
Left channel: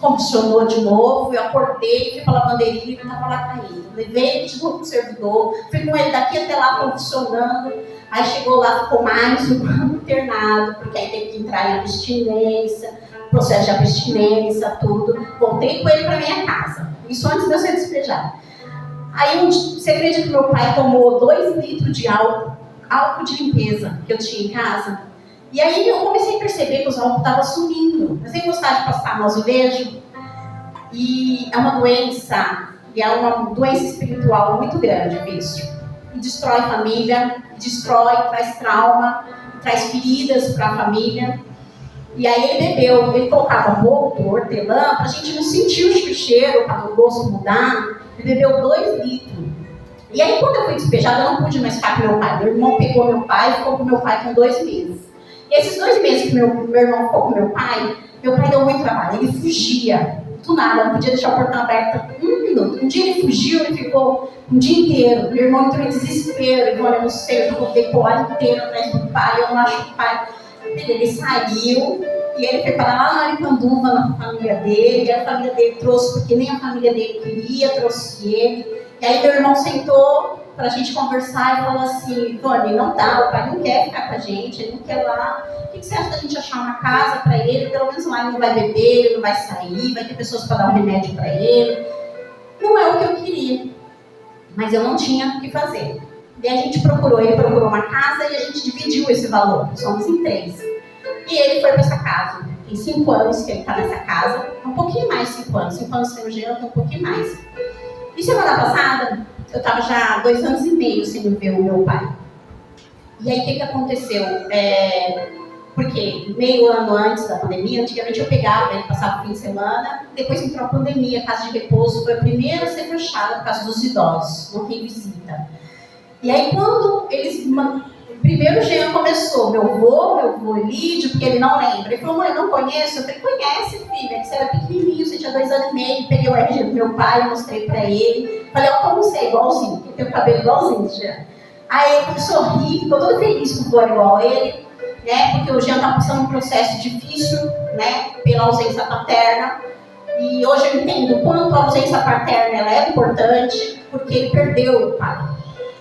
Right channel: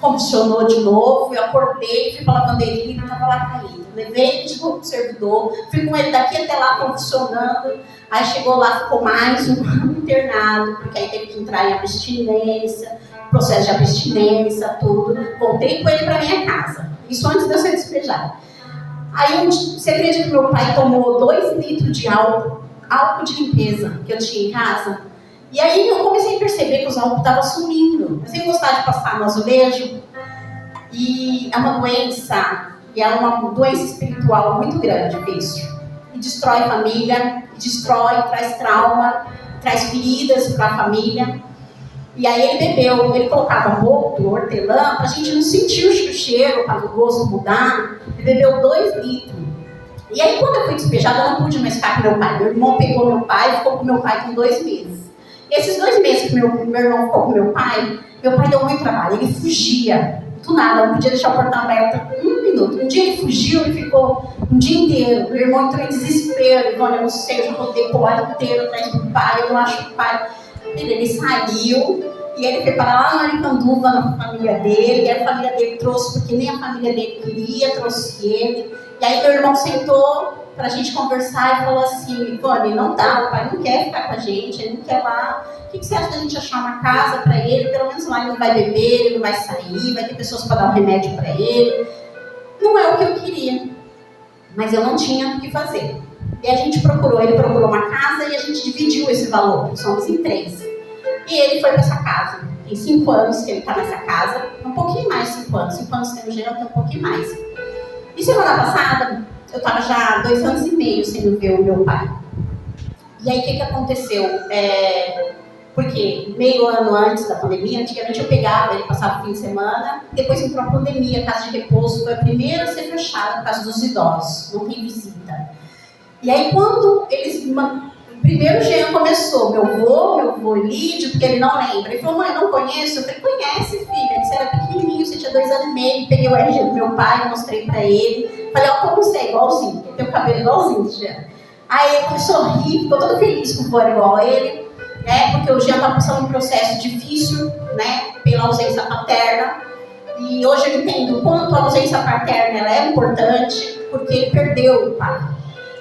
convulsionou de novo, eu acordei, fui para a lavanderia e ele estava lá caído. Levei ele de novo para o servidor, fui com ele daqui até lá convulsionando. Aí chegou lá, ficou mais um ano internado, porque aí teve que entrar em abstinência, processo de abstinência, tudo. Voltei com ele para minha casa, isso antes de eu ser despejada. Aí você acredita que meu pai tomou 2 litros de álcool de limpeza que eu tinha em casa? E aí eu comecei a perceber que os álcool estavam sumindo. Eu sempre gostava de passar no azulejo. E é uma doença, espiritual muito grande, vício. E destrói a família, traz trauma, traz feridas para a família. E aí ele bebeu, ele colocava boldo, hortelã, para a gente não sentir o cheiro, para o gosto mudar. Ele bebeu 2 litros. E aí quando eu fui despejada, eu não pude mais ficar com meu pai. Meu irmão pegou meu pai e ficou com meu pai com 2 meses. Esses 2 meses que meu irmão ficou com meu pai deu muito trabalho, ele fugia, do nada, não podia deixar o portão aberto 1 minuto. Um dia ele fugiu, ele ficou um dia inteiro, meu irmão entrou em desespero, ele olha, eu não sei, eu já rodei o ar inteiro atrás do pai, eu não acho o pai. Ele saiu, e ele foi para lá na Aricanduva, na família dele, e a família dele trouxe, porque nem a família dele queria, trouxe ele. E aí meu irmão sentou pra gente conversar e falou assim, Ivone, não dá, o pai não quer ficar com a gente, ele não quer lá. O que você acha da gente achar uma casa para ele? Pelo menos lá ele não vai beber, ele não vai sair, vai ter pessoas para dar um remédio para ele. Não é o que eu queria, mas eu não tinha o que fazer. E a gente ele procurou uma casa e a gente dividiu esse valor, somos em 3. E ele foi para essa casa. Tem 5 anos que ele está nessa casa, um pouquinho mais de 5 anos. 5 anos tem o Jean, tem um pouquinho mais. E semana passada, eu estava já 2 anos e meio sem ver o meu pai. E aí, o que aconteceu? Porque meio ano antes da pandemia, antigamente eu pegava, ele passava o fim de semana, depois entrou a pandemia, a casa de repouso foi a primeira a ser fechada por causa dos idosos, não tem visita. E aí, quando eles... Primeiro o Jean começou, meu avô Lídio, porque ele não lembra. Ele falou, mãe, não conheço? Eu falei, conhece, filha, que você era pequenininho, você tinha 2 anos e meio. Peguei o RG do meu pai, mostrei pra ele. Falei, ó, como você é igualzinho, porque tem o cabelo igualzinho, Jean. Aí ele começou a rir, ficou todo feliz com o vô igual a ele, né? Porque o Jean tá passando um processo difícil, né? Pela ausência paterna. E hoje eu entendo o quanto a ausência paterna ela é importante, porque ele perdeu o pai,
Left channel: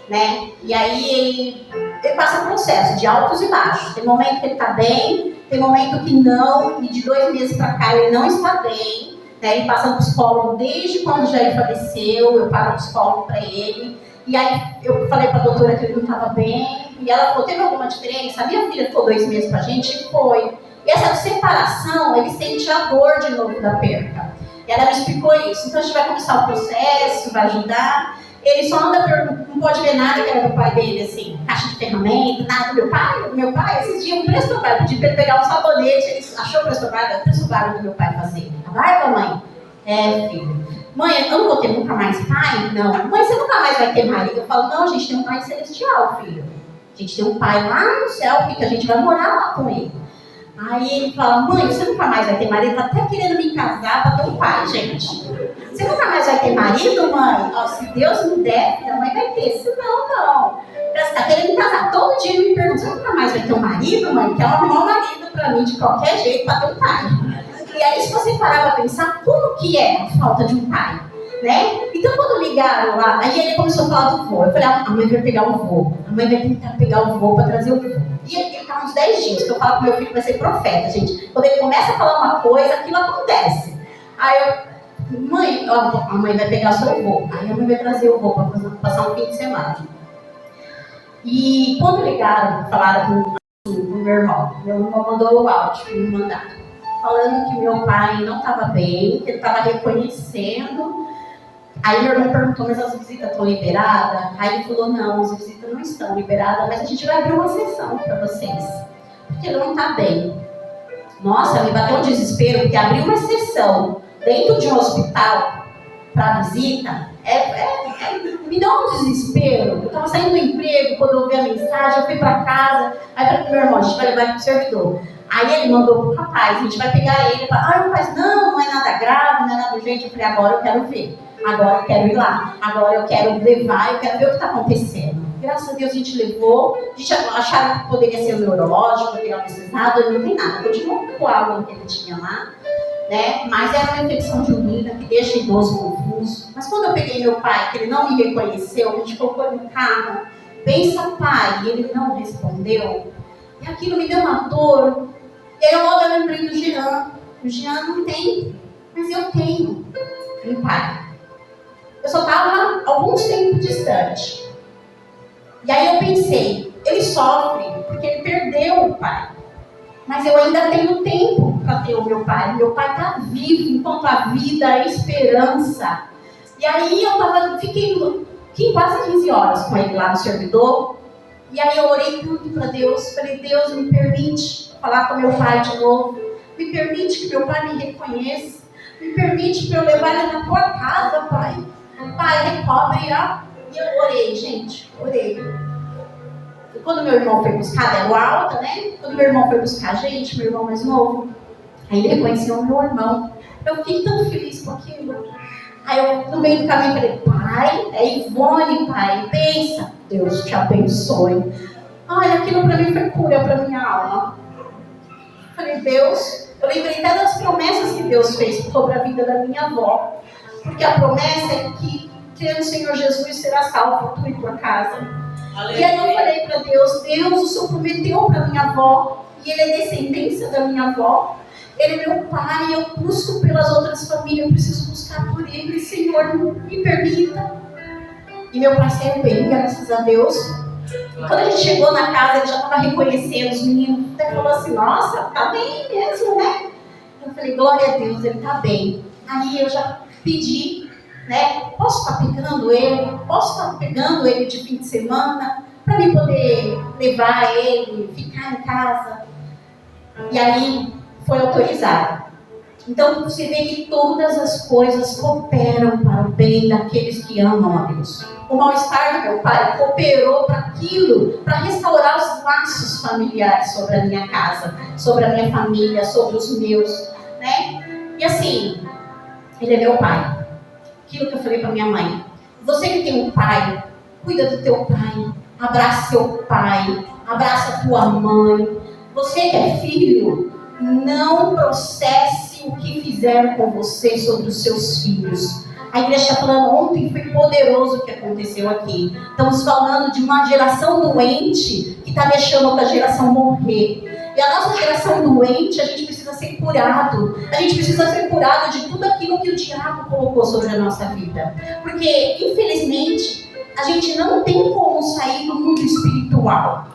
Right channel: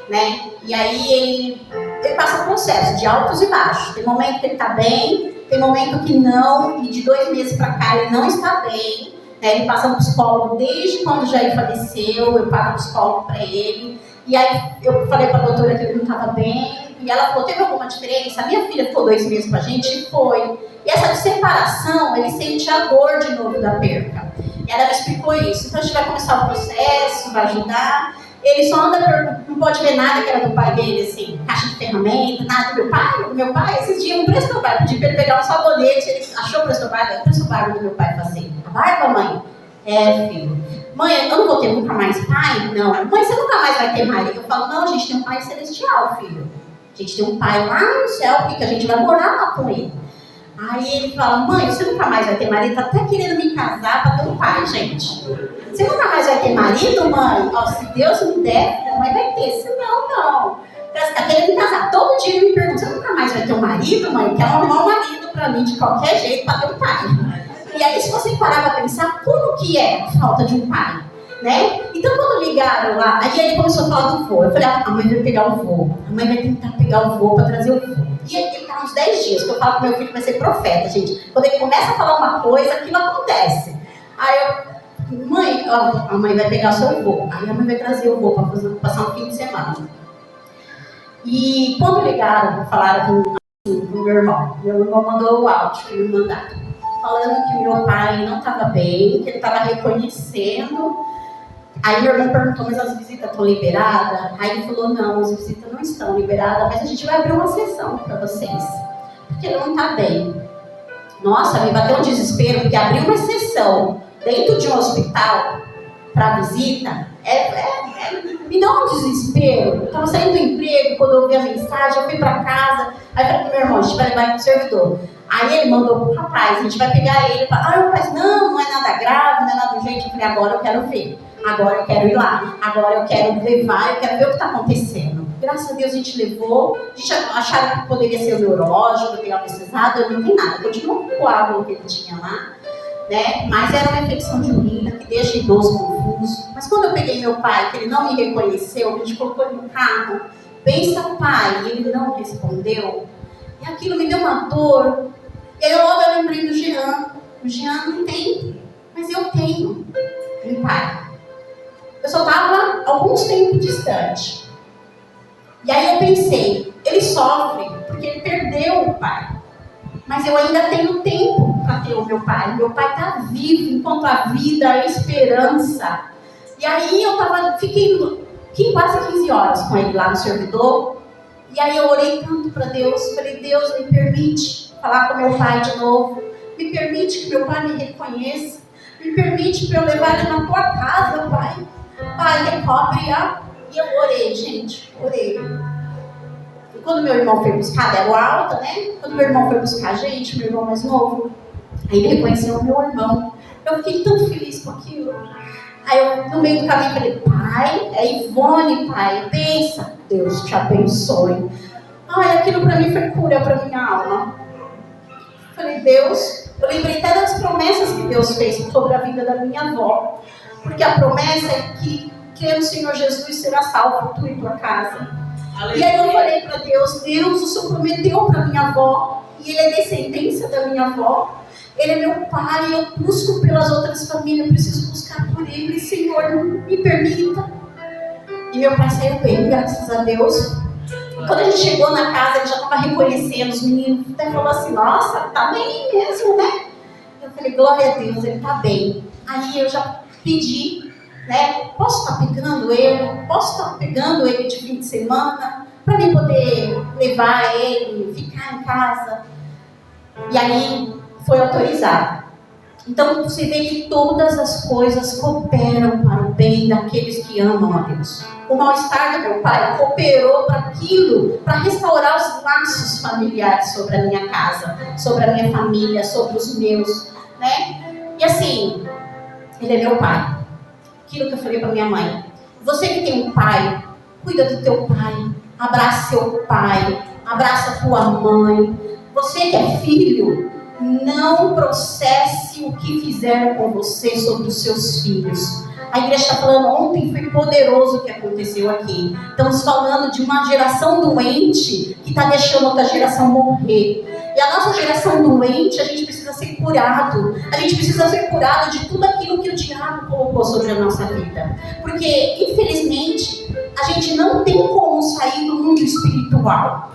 né? E aí ele passa um processo de altos e baixos. Tem momento que ele está bem, tem momento que não, e de 2 meses para cá ele não está bem. Né? Ele passa no psicólogo desde quando já ele faleceu, eu pago psicólogo para ele. E aí eu falei para a doutora que ele não estava bem, e ela falou, teve alguma diferença? A minha filha ficou 2 meses com a gente, e foi. E essa separação, ele sente a dor de novo da perca. E ela me explicou isso. Então a gente vai começar o processo, vai ajudar. Ele só anda, não pode ver nada que era do pai dele, assim, caixa de ferramenta, nada do meu pai. O meu pai, esses dias, um preço do meu pai, pedi para ele pegar um sabonete, ele achou o preço do barba do meu pai fazer. A barba, mãe? É, filho. Mãe, eu não vou ter nunca mais pai? Não. Mãe, você nunca mais vai ter marido? Eu falo, não, a gente tem um pai celestial, filho. A gente tem um pai lá no céu, porque a gente vai morar lá com ele. Aí ele fala, mãe, você nunca mais vai ter marido? Tá até querendo me casar para ter um pai, gente. Você nunca mais vai ter marido, mãe? Ó, se Deus me der, a mãe vai ter. Se não, não. Você tá querendo me casar. Todo dia ele me pergunta, você nunca mais vai ter um marido, mãe? Quer arrumar um marido para mim de qualquer jeito para ter um pai. E aí, se você parar para pensar, como que é a falta de um pai? Né? Então, quando ligaram lá, aí ele começou a falar do vô. Eu falei, a mãe vai pegar o vô. A mãe vai tentar pegar o vô para trazer o vô. E ele está uns 10 dias, que eu falo que meu filho vai ser profeta, gente. Quando ele começa a falar uma coisa, aquilo acontece. Aí eu, mãe, a mãe vai pegar só o vô. Aí a mãe vai trazer o vô para passar um fim de semana. E quando ligaram, falaram com o meu irmão mandou o áudio para me mandar, falando que meu pai não estava bem, que ele estava reconhecendo. Aí meu irmão perguntou, mas as visitas estão liberadas? Aí ele falou, não, as visitas não estão liberadas, mas a gente vai abrir uma sessão para vocês, porque ele não está bem. Nossa, me bateu um desespero, porque abrir uma sessão dentro de um hospital para visita, me dá um desespero. Eu estava saindo do emprego, quando eu ouvi a mensagem, eu fui para casa, aí falei pro meu irmão, a gente vai levar ele pro servidor. Aí ele mandou pro rapaz, a gente vai pegar ele. O rapaz, não é nada grave, não é nada urgente. Eu falei, agora eu quero ver. Agora eu quero ir lá. Agora eu quero levar, eu quero ver o que está acontecendo. Graças a Deus a gente levou. A gente achava que poderia ser o neurológico, poderia precisado, não tem nada. Continuou com o coágulo que ele tinha lá, né? Mas era uma infecção de urina que deixa idoso confuso. Mas quando eu peguei meu pai, que ele não me reconheceu, a gente colocou ele no carro. Pensa, pai, e ele não respondeu. E aquilo me deu uma dor. E aí logo eu lembrei do Jean. O Jean não tem, mas eu tenho um pai. Eu só estava alguns tempos distante. E aí eu pensei, ele sofre porque ele perdeu o pai. Mas eu ainda tenho tempo para ter o meu pai. Meu pai está vivo, enquanto a vida, a esperança. E aí eu fiquei quase 15 horas com ele lá no servidor. E aí eu orei tanto para Deus. Falei, Deus, me permite falar com meu pai de novo. Me permite que meu pai me reconheça. Me permite para eu levar ele na tua casa, pai. Pai, recobre. E eu orei, gente. Orei. E quando meu irmão foi buscar, deram alta, né? Quando meu irmão foi buscar a gente, meu irmão mais novo, aí ele reconheceu o meu irmão. Eu fiquei tão feliz com aquilo. Aí eu, no meio do caminho, falei, pai, é Ivone, pai, pensa. Deus te abençoe. Ai, aquilo para mim foi cura para minha alma. Falei, Deus, eu lembrei até das promessas que Deus fez sobre a vida da minha avó. Porque a promessa é que, crê no Senhor Jesus, será salvo tu e tua casa. Aleluia. E aí eu falei para Deus, Deus, o Senhor prometeu para minha avó, e ele é descendência da minha avó. Ele é meu pai, eu busco pelas outras famílias, eu preciso buscar por ele. Senhor, me permita. E meu pai saiu bem, graças a Deus. E quando a gente chegou na casa, ele já estava reconhecendo os meninos. Até falou assim, nossa, tá bem mesmo, né? Eu falei, glória a Deus, ele tá bem. Aí eu já pedi, né? Posso estar pegando ele? Posso estar pegando ele de fim de semana? Para mim poder levar ele, ficar em casa. E aí foi autorizado. Então você vê que todas as coisas cooperam para o bem daqueles que amam a Deus. O mal-estar do meu pai cooperou para aquilo, para restaurar os laços familiares sobre a minha casa, sobre a minha família, sobre os meus, né? E assim, ele é meu pai. Aquilo que eu falei para minha mãe. Você que tem um pai, cuida do teu pai, abraça seu pai, abraça tua mãe. Você que é filho, não processe o que fizeram com você sobre os seus filhos. A igreja está falando, ontem foi poderoso o que aconteceu aqui. Estamos falando de uma geração doente que está deixando outra geração morrer. E a nossa geração doente, a gente precisa ser curado. A gente precisa ser curado de tudo aquilo que o diabo colocou sobre a nossa vida. Porque, infelizmente, a gente não tem como sair do mundo espiritual.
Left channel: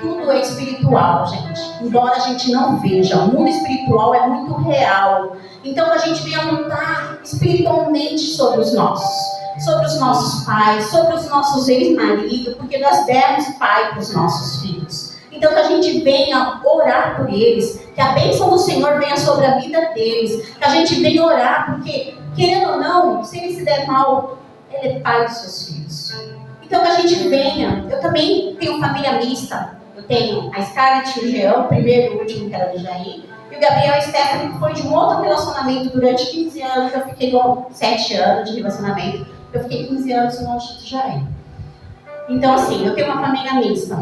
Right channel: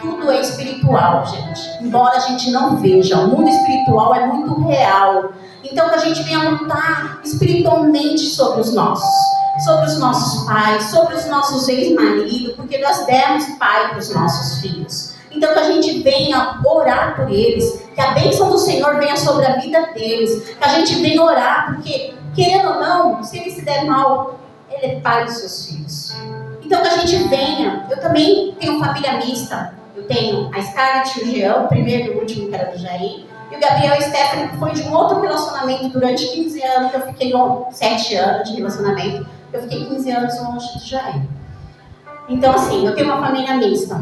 Tudo é espiritual, gente. Embora a gente não veja, o mundo espiritual é muito real. Então, que a gente venha lutar espiritualmente sobre os nossos pais, sobre os nossos ex-maridos, porque nós demos pai para os nossos filhos. Então, que a gente venha orar por eles, que a bênção do Senhor venha sobre a vida deles, que a gente venha orar, porque, querendo ou não, se ele se der mal, ele é pai dos seus filhos. Então, que a gente venha. Eu também tenho família mista. Eu tenho a Scarlett e o Jean, o primeiro e o último, que era do Jair. E o Gabriel e a Stephanie, que foi de um outro relacionamento durante 15 anos, que eu fiquei com 7 anos de relacionamento. Eu fiquei 15 anos longe do Jair. Então, assim, eu tenho uma família mista.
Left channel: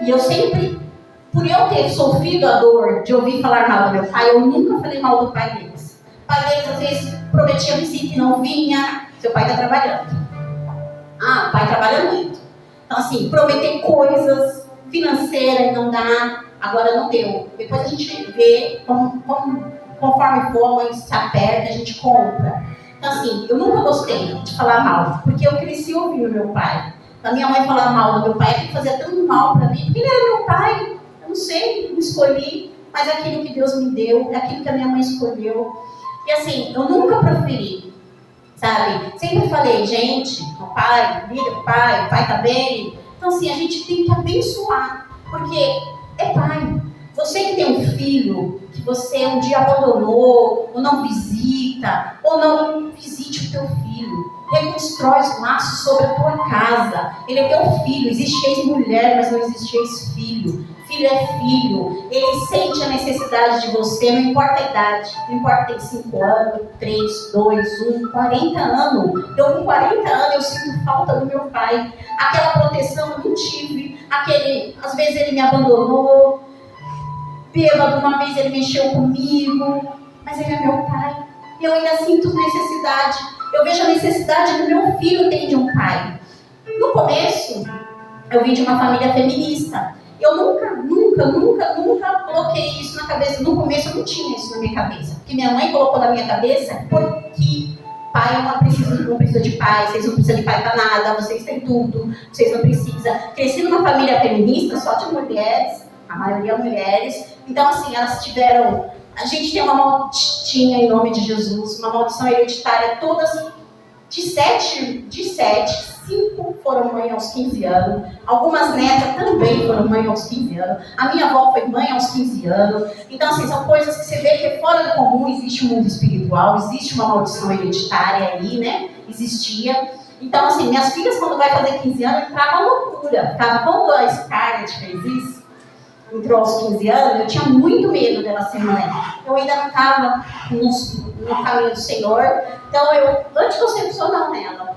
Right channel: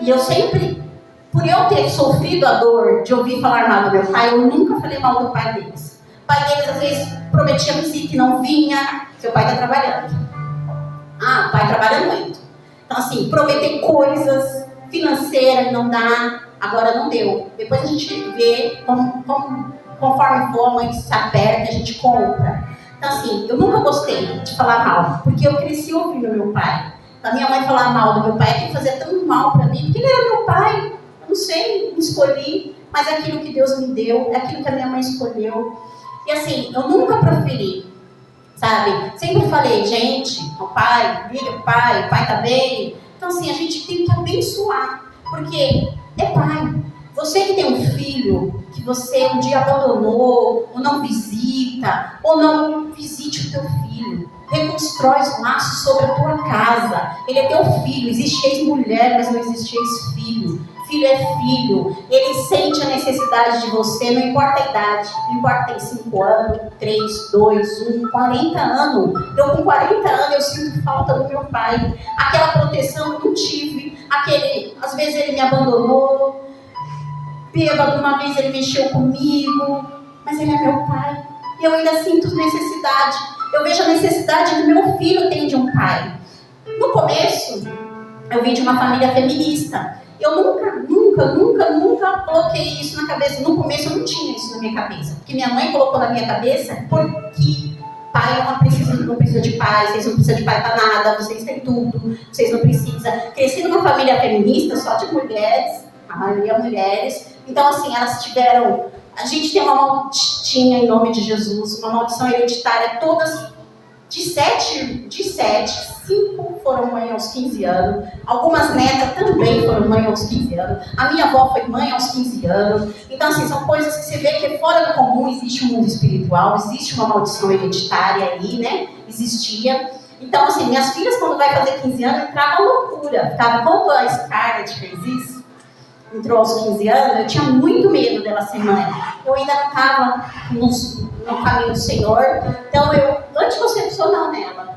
E eu sempre, por eu ter sofrido a dor de ouvir falar mal do meu pai, eu nunca falei mal do pai deles. O pai deles, às vezes, prometia visita e não vinha. Seu pai está trabalhando. O pai trabalha muito. Então, assim, prometer coisas financeiras e não dá, agora não deu. Depois a gente vê, conforme for, a mãe se aperta, a gente compra. Então, assim, eu nunca gostei de falar mal, porque eu cresci ouvindo meu pai. A minha mãe falar mal do meu pai, que fazia tão mal para mim, porque ele era meu pai. Eu não sei, não escolhi, mas é aquilo que Deus me deu, é aquilo que a minha mãe escolheu. E assim, eu nunca proferi. Sabe? Sempre falei, gente, o pai, liga pro pai, o pai tá bem. Então, assim, a gente tem que abençoar, porque é pai. Você que tem um filho que você um dia abandonou, ou não visita, ou não visite o teu filho. Reconstrói os laços sobre a tua casa. Ele é teu filho. Existe ex-mulher, mas não existe ex-filho. Filho é filho. Ele sente a necessidade de você, não importa a idade. Não importa se tem 5 anos, 3, 2, 1, 40 anos. Eu com 40 anos, eu sinto falta do meu pai. Aquela proteção eu não tive. Às vezes ele me abandonou. Bêbado, uma vez ele mexeu comigo. Mas ele é meu pai. Eu ainda sinto necessidade. Eu vejo a necessidade do meu filho ter de um pai. No começo, eu vim de uma família feminista. Eu nunca coloquei isso na cabeça. No começo eu não tinha isso na minha cabeça. Porque minha mãe colocou na minha cabeça porque pai não precisa de pai, vocês não precisam de pai para nada, vocês têm tudo, vocês não precisam. Cresci numa família feminista só de mulheres, a maioria mulheres. Então, assim, elas tiveram... A gente tem uma maldição em nome de Jesus, uma maldição hereditária, todas de 7, 5 foram mãe aos 15 anos, algumas netas também foram mãe aos 15 anos, a minha avó foi mãe aos 15 anos. Então, assim, são coisas que você vê que fora do comum existe um mundo espiritual, existe uma maldição hereditária aí, né? Existia. Então, assim, minhas filhas, quando vai fazer 15 anos, entravam loucura. Quando a Scarlett fez isso, entrou aos 15 anos, eu tinha muito medo dela ser mãe. Eu ainda não estava no caminho do Senhor. Então, eu anticoncepcional nela.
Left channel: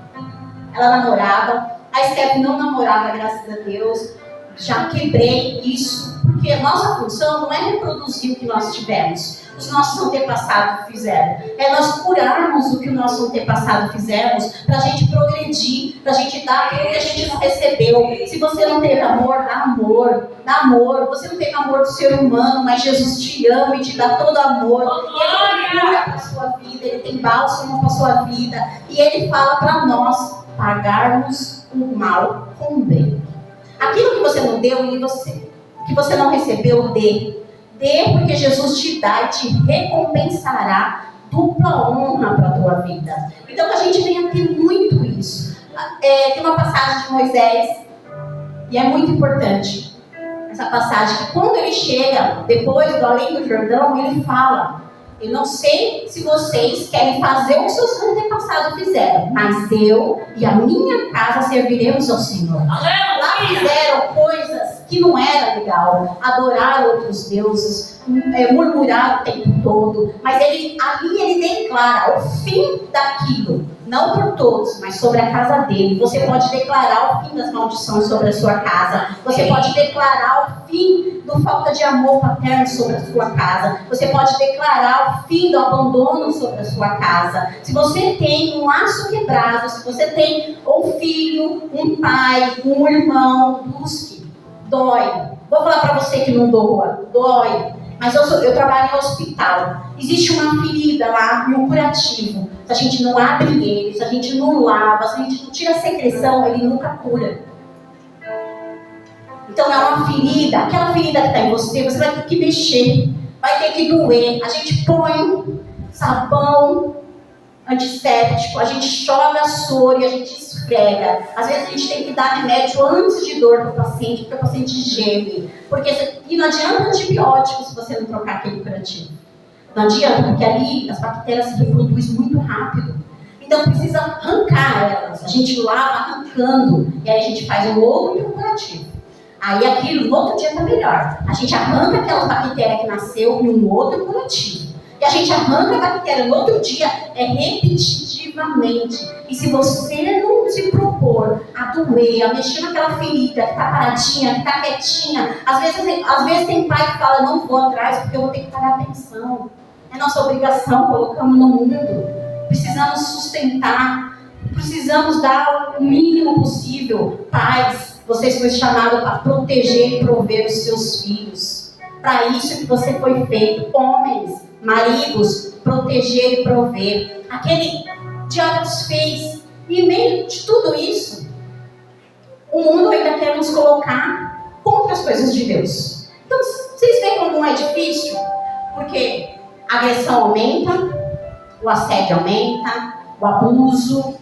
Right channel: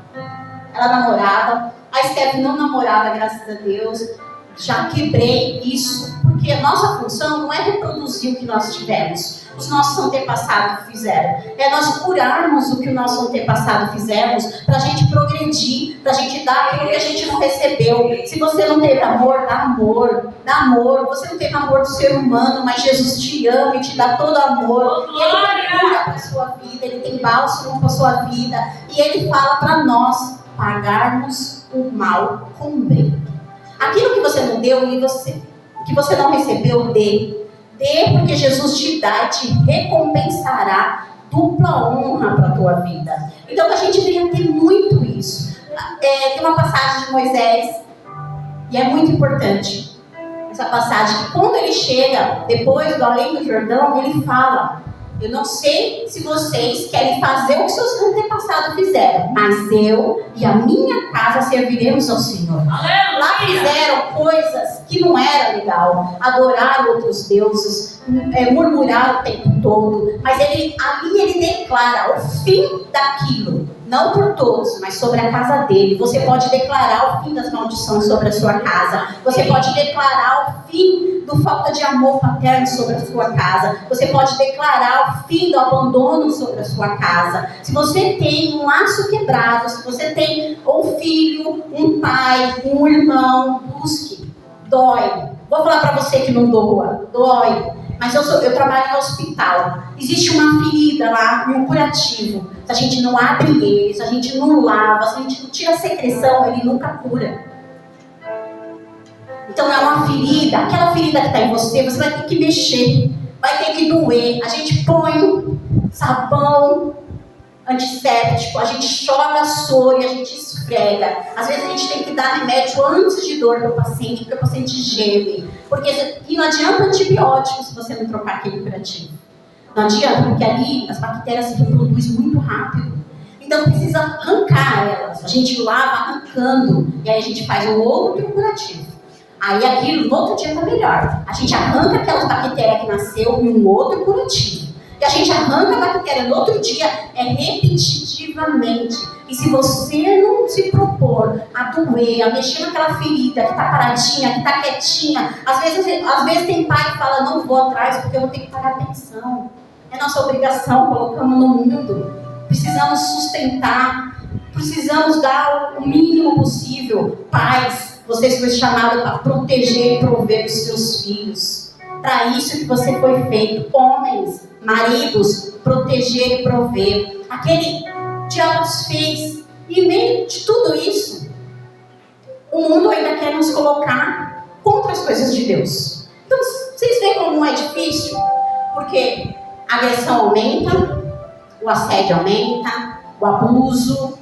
Ela namorava. A Steph não namorava, graças a Deus. Já quebrei isso. Porque a nossa função não é reproduzir o que nós tivemos. Os nossos antepassados fizeram. É nós curarmos o que o nosso antepassado fizemos para a gente progredir, para a gente dar aquilo que a gente não recebeu. Se você não teve amor, dá amor. Dá amor. Você não teve amor do ser humano, mas Jesus te ama e te dá todo amor. E Ele tem cura para a sua vida, Ele tem bálsamo para a sua vida. E Ele fala para nós pagarmos o mal com o bem. Aquilo que você não deu, que você não recebeu, dê. Dê, porque Jesus te dá e te recompensará dupla honra para a tua vida. Então, a gente venha ter muito isso. Tem uma passagem de Moisés, e é muito importante essa passagem, que quando ele chega, depois do além do Jordão, ele fala: eu não sei se vocês querem fazer o que seus antepassados fizeram, mas eu e a minha casa serviremos ao Senhor. Aleluia. Lá fizeram coisas que não era legal, adorar outros deuses, murmurar o tempo todo, mas ali ele declara o fim daquilo, não por todos, mas sobre a casa dele. Você pode declarar o fim das maldições sobre a sua casa, você pode declarar o fim da falta de amor paterno sobre a sua casa, você pode declarar o fim do abandono sobre a sua casa. Se você tem um laço quebrado, se você tem um filho, um pai, um irmão, busque. Dói. Vou falar para você que não doa. Dói. Mas eu trabalho em hospital. Existe uma ferida lá, um curativo. Se a gente não abre ele, se a gente não lava, se a gente não tira a secreção, ele nunca cura. Então é uma ferida, aquela ferida que está em você, você vai ter que mexer, vai ter que doer. A gente põe sabão antisséptico, a gente chora soro e a gente esfrega. Às vezes a gente tem que dar remédio antes de dor para o paciente, porque o paciente geme. E não adianta antibiótico se você não trocar aquele curativo. Não adianta, porque ali as bactérias se reproduzem muito rápido. Então precisa arrancar elas. A gente lava arrancando e aí a gente faz um outro curativo. Aí aquilo no outro dia está melhor. A gente arranca aquelas bactérias que nasceu em um outro curativo. E a gente arranca a bactéria no outro dia, repetitivamente. E se você não se propor a doer, a mexer naquela ferida que está paradinha, que está quietinha, às vezes tem pai que fala, não vou atrás porque eu vou ter que pagar pensão. É nossa obrigação, colocamos no mundo. Precisamos sustentar, precisamos dar o mínimo possível. Pais, vocês foram chamados para proteger e prover os seus filhos. Para isso que você foi feito. Homens, maridos, proteger e prover. Aquele diabo fez. E em meio de tudo isso, o mundo ainda quer nos colocar contra as coisas de Deus. Então, vocês veem como é difícil? Porque a agressão aumenta, o assédio aumenta, o abuso,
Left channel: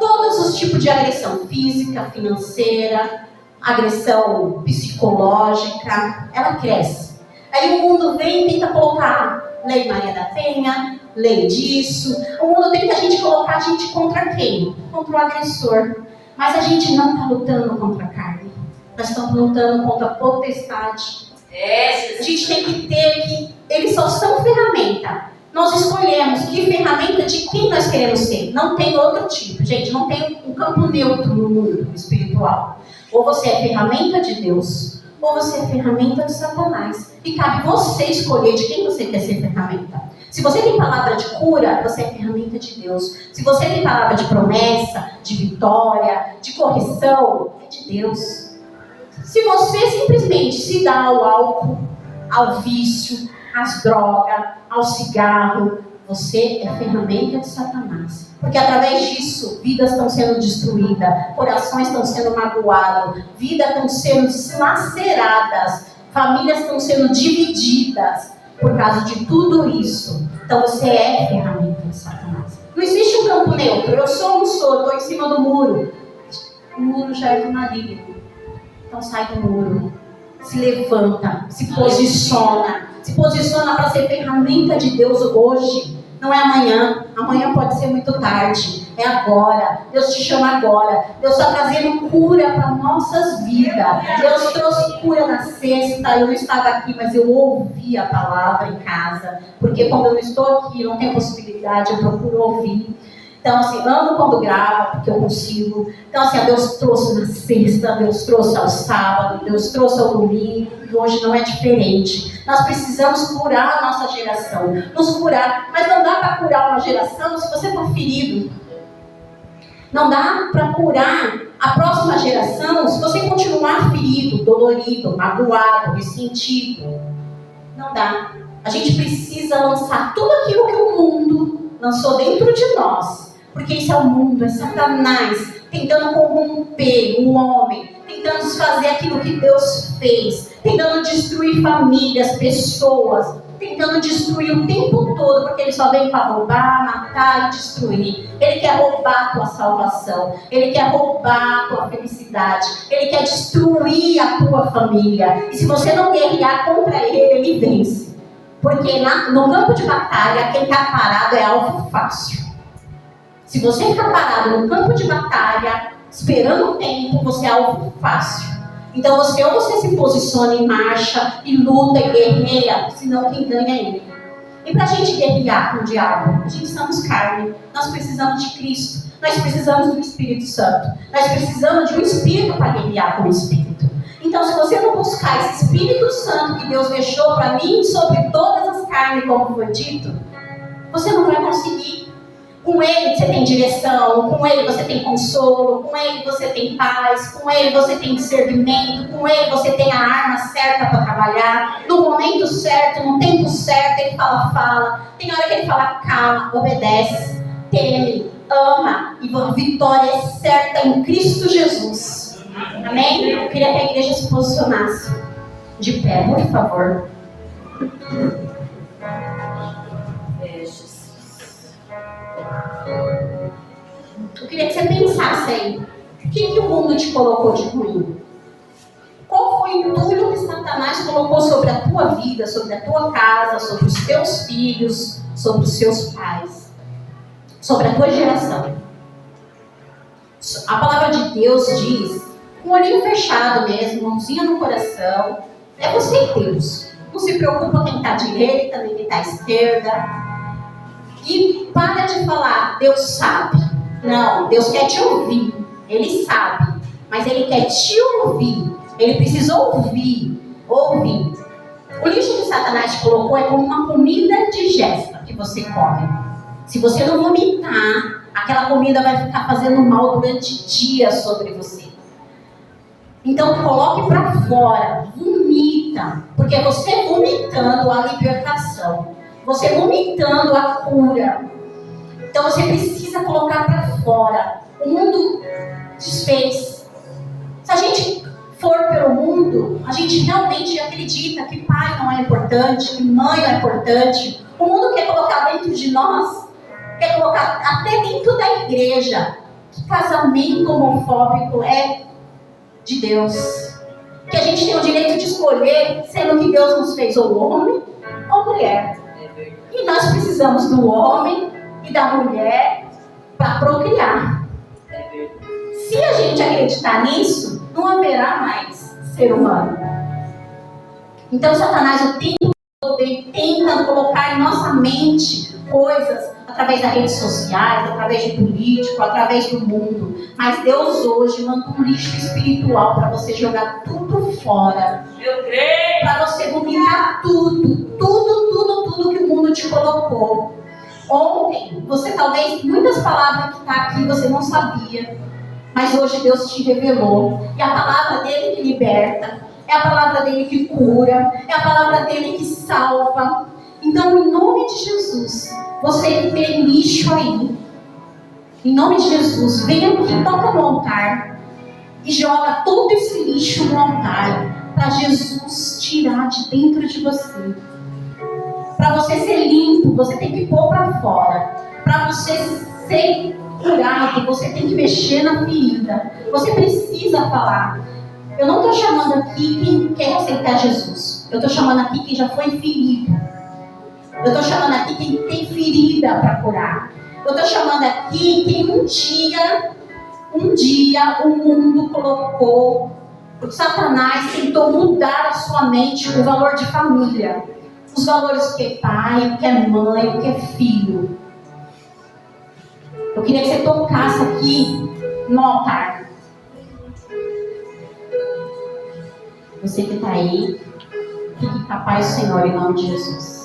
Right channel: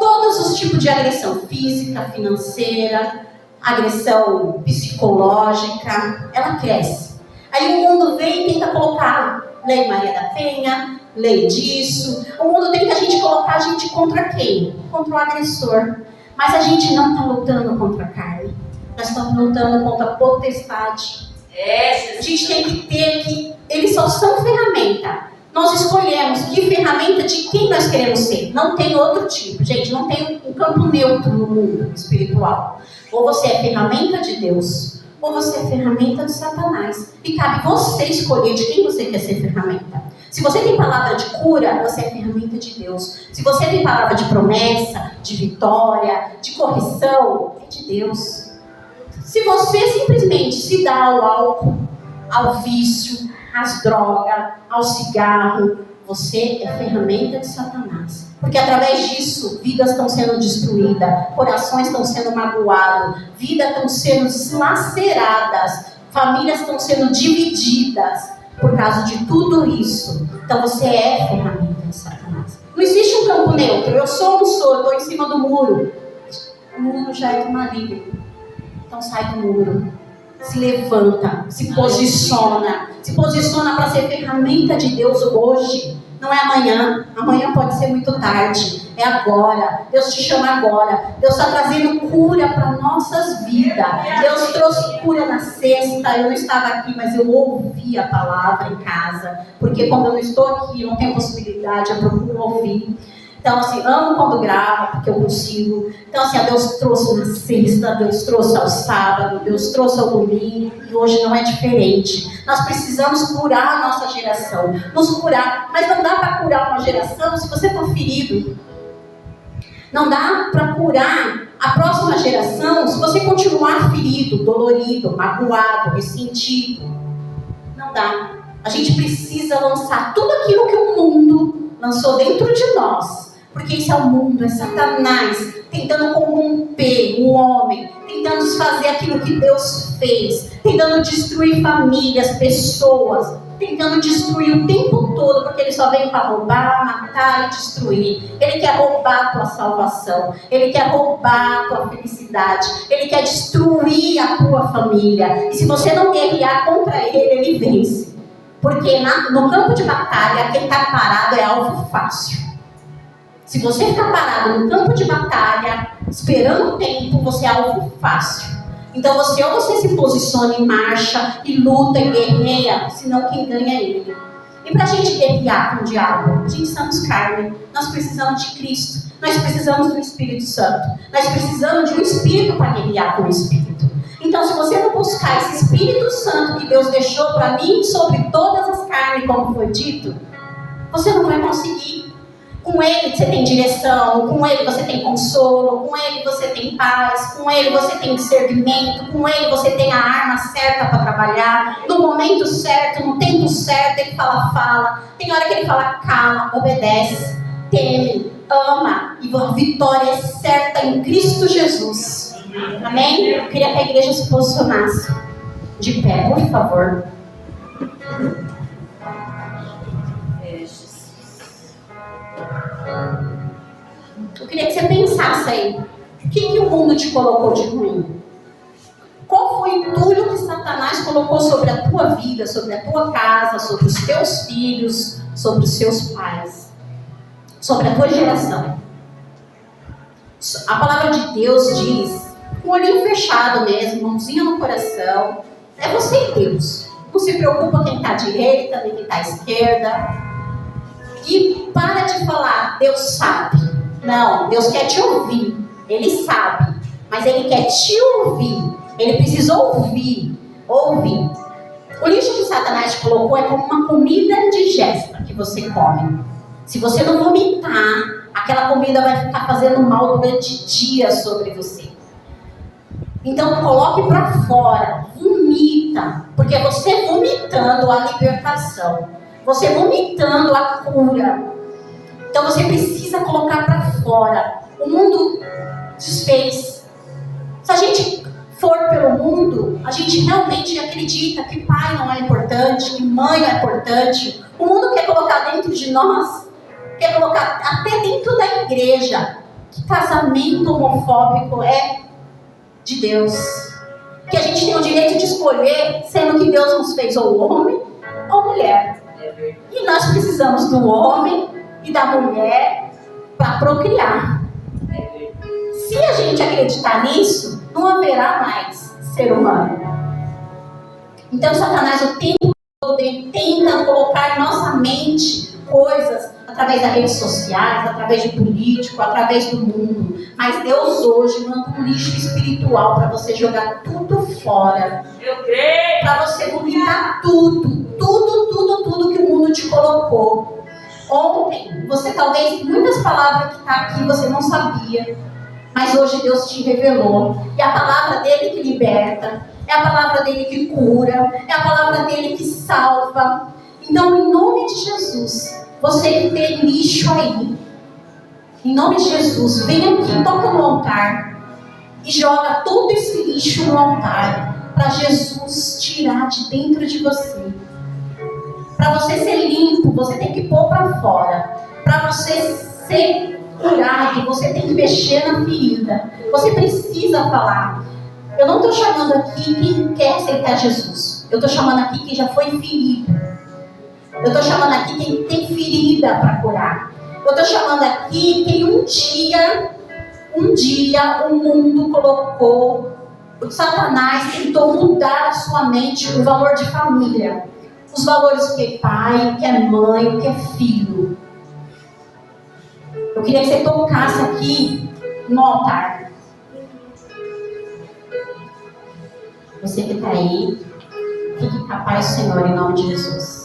todos os tipos de agressão física, financeira, agressão psicológica, ela cresce. Aí o mundo vem e tenta colocar Lei Maria da Penha, lei disso. O mundo tenta a gente colocar a gente contra quem? Contra o agressor. Mas a gente não está lutando contra a carne. Nós estamos lutando contra a potestade. A gente tem que ter que... Eles só são ferramenta. Nós escolhemos que ferramenta de quem nós queremos ser. Não tem outro tipo. Gente, não tem um campo neutro no mundo espiritual. Ou você é ferramenta de Deus, ou você é ferramenta de Satanás. E cabe você escolher de quem você quer ser ferramenta. Se você tem palavra de cura, você é ferramenta de Deus. Se você tem palavra de promessa, de vitória, de correção, é de Deus. Se você simplesmente se dá ao álcool, ao vício, às drogas, ao cigarro, você é ferramenta de Satanás. Porque através disso, vidas estão sendo destruídas, corações estão sendo magoados, vidas estão sendo deslaceradas, famílias estão sendo divididas por causa de tudo isso. Então você é ferramenta de Satanás. Não existe um campo neutro. Eu sou ou não sou, eu estou em cima do muro. O muro já é do maligno. Então sai do muro. Se levanta, se posiciona. Se posiciona para ser ferramenta de Deus hoje. Não é amanhã. Amanhã pode ser muito tarde. É agora. Deus te chama agora. Deus está trazendo cura para nossas vidas. Deus trouxe cura na sexta. Eu não estava aqui, mas eu ouvi a palavra em casa. Porque quando eu não estou aqui, não tenho possibilidade, eu procuro ouvir. Então, assim, amo quando gravo, porque eu consigo. Então, assim, Deus trouxe na sexta, Deus trouxe ao sábado, Deus trouxe ao domingo, e hoje não é diferente. Nós precisamos curar a nossa geração, nos curar. Mas não dá para curar uma geração se você está ferido. Não dá para curar a próxima geração se você continuar ferido, dolorido, magoado, ressentido. Não dá. A gente precisa lançar tudo aquilo que o mundo lançou dentro de nós. Porque isso é o mundo, é Satanás tentando corromper o homem, tentando desfazer aquilo que Deus fez, tentando destruir famílias, pessoas, tentando destruir o tempo todo, porque ele só vem para roubar, matar e destruir. Ele quer roubar a tua salvação, ele quer roubar a tua felicidade, ele quer destruir a tua família. E se você não guerrear contra ele, ele vence. Porque no campo de batalha, quem está parado é alvo fácil. Se você ficar parado no campo de batalha, esperando o tempo, você é alvo fácil. Então ou você se posiciona em marcha e luta e guerreia, senão quem ganha é ele. E para a gente guerrear com o diabo, a gente somos carne, nós precisamos de Cristo, nós precisamos do Espírito Santo, nós precisamos de um Espírito para guerrear com o Espírito. Então se você não buscar esse Espírito Santo que Deus deixou para mim sobre todas as carnes, como foi dito, você não vai conseguir. Com ele você tem direção, com ele você tem consolo, com ele você tem paz, com ele você tem discernimento, com ele você tem a arma certa para trabalhar, no momento certo, no tempo certo, ele fala, tem hora que ele fala cala, obedece, teme, ama, e a vitória é certa em Cristo Jesus. Amém? Eu queria que a igreja se posicionasse de pé, por favor. Eu queria que você pensasse aí. O que o mundo te colocou de ruim? Qual foi o entulho que Satanás colocou sobre a tua vida, sobre a tua casa, sobre os teus filhos, sobre os seus pais, sobre a tua geração? A palavra de Deus diz, com o olhinho fechado mesmo, mãozinha no coração, é você e Deus. Não se preocupa quem está à direita, nem quem está à esquerda. E para de falar, Deus sabe. Não, Deus quer te ouvir. Ele sabe, mas Ele quer te ouvir. Ele precisa ouvir. O lixo que Satanás te colocou é como uma comida indigesta que você come. Se você não vomitar, aquela comida vai ficar fazendo mal durante dias sobre você. Então coloque para fora, vomita, porque é você vomitando a libertação, você vomitando a cura. Então você precisa colocar para fora. O mundo desfez. Se a gente for pelo mundo, a gente realmente acredita que pai não é importante, que mãe não é importante. O mundo quer colocar dentro de nós, quer colocar até dentro da igreja, que casamento homofóbico é de Deus. Que a gente tem o direito de escolher, sendo que Deus nos fez ou homem ou mulher. E nós precisamos do homem e da mulher para procriar. Se a gente acreditar nisso, não haverá mais ser humano. Então Satanás o tempo todo tenta colocar em nossa mente coisas através das redes sociais, através de político, através do mundo. Mas Deus hoje manda um lixo espiritual para você jogar tudo fora. Eu creio. Para você vomitar tudo que o mundo te colocou. Ontem, você talvez, muitas palavras que está aqui você não sabia. Mas hoje Deus te revelou. E a palavra dele que liberta. É a palavra dele que cura. É a palavra dele que salva. Então, em nome de Jesus, você que tem lixo aí, em nome de Jesus, vem aqui, toca no altar e joga todo esse lixo no altar para Jesus tirar de dentro de você. Para você ser limpo, você tem que pôr para fora. Para você ser curado, você tem que mexer na ferida. Você precisa falar. Eu não estou chamando aqui quem quer aceitar Jesus. Eu estou chamando aqui quem já foi ferido. Eu estou chamando aqui quem tem ferida para curar. Eu estou chamando aqui quem um dia o mundo colocou, o Satanás tentou mudar a sua mente o valor de família. Os valores o que é pai, o que é mãe, o que é filho. Eu queria que você tocasse aqui no altar. Você que está aí, fique capaz, Senhor, em nome de Jesus.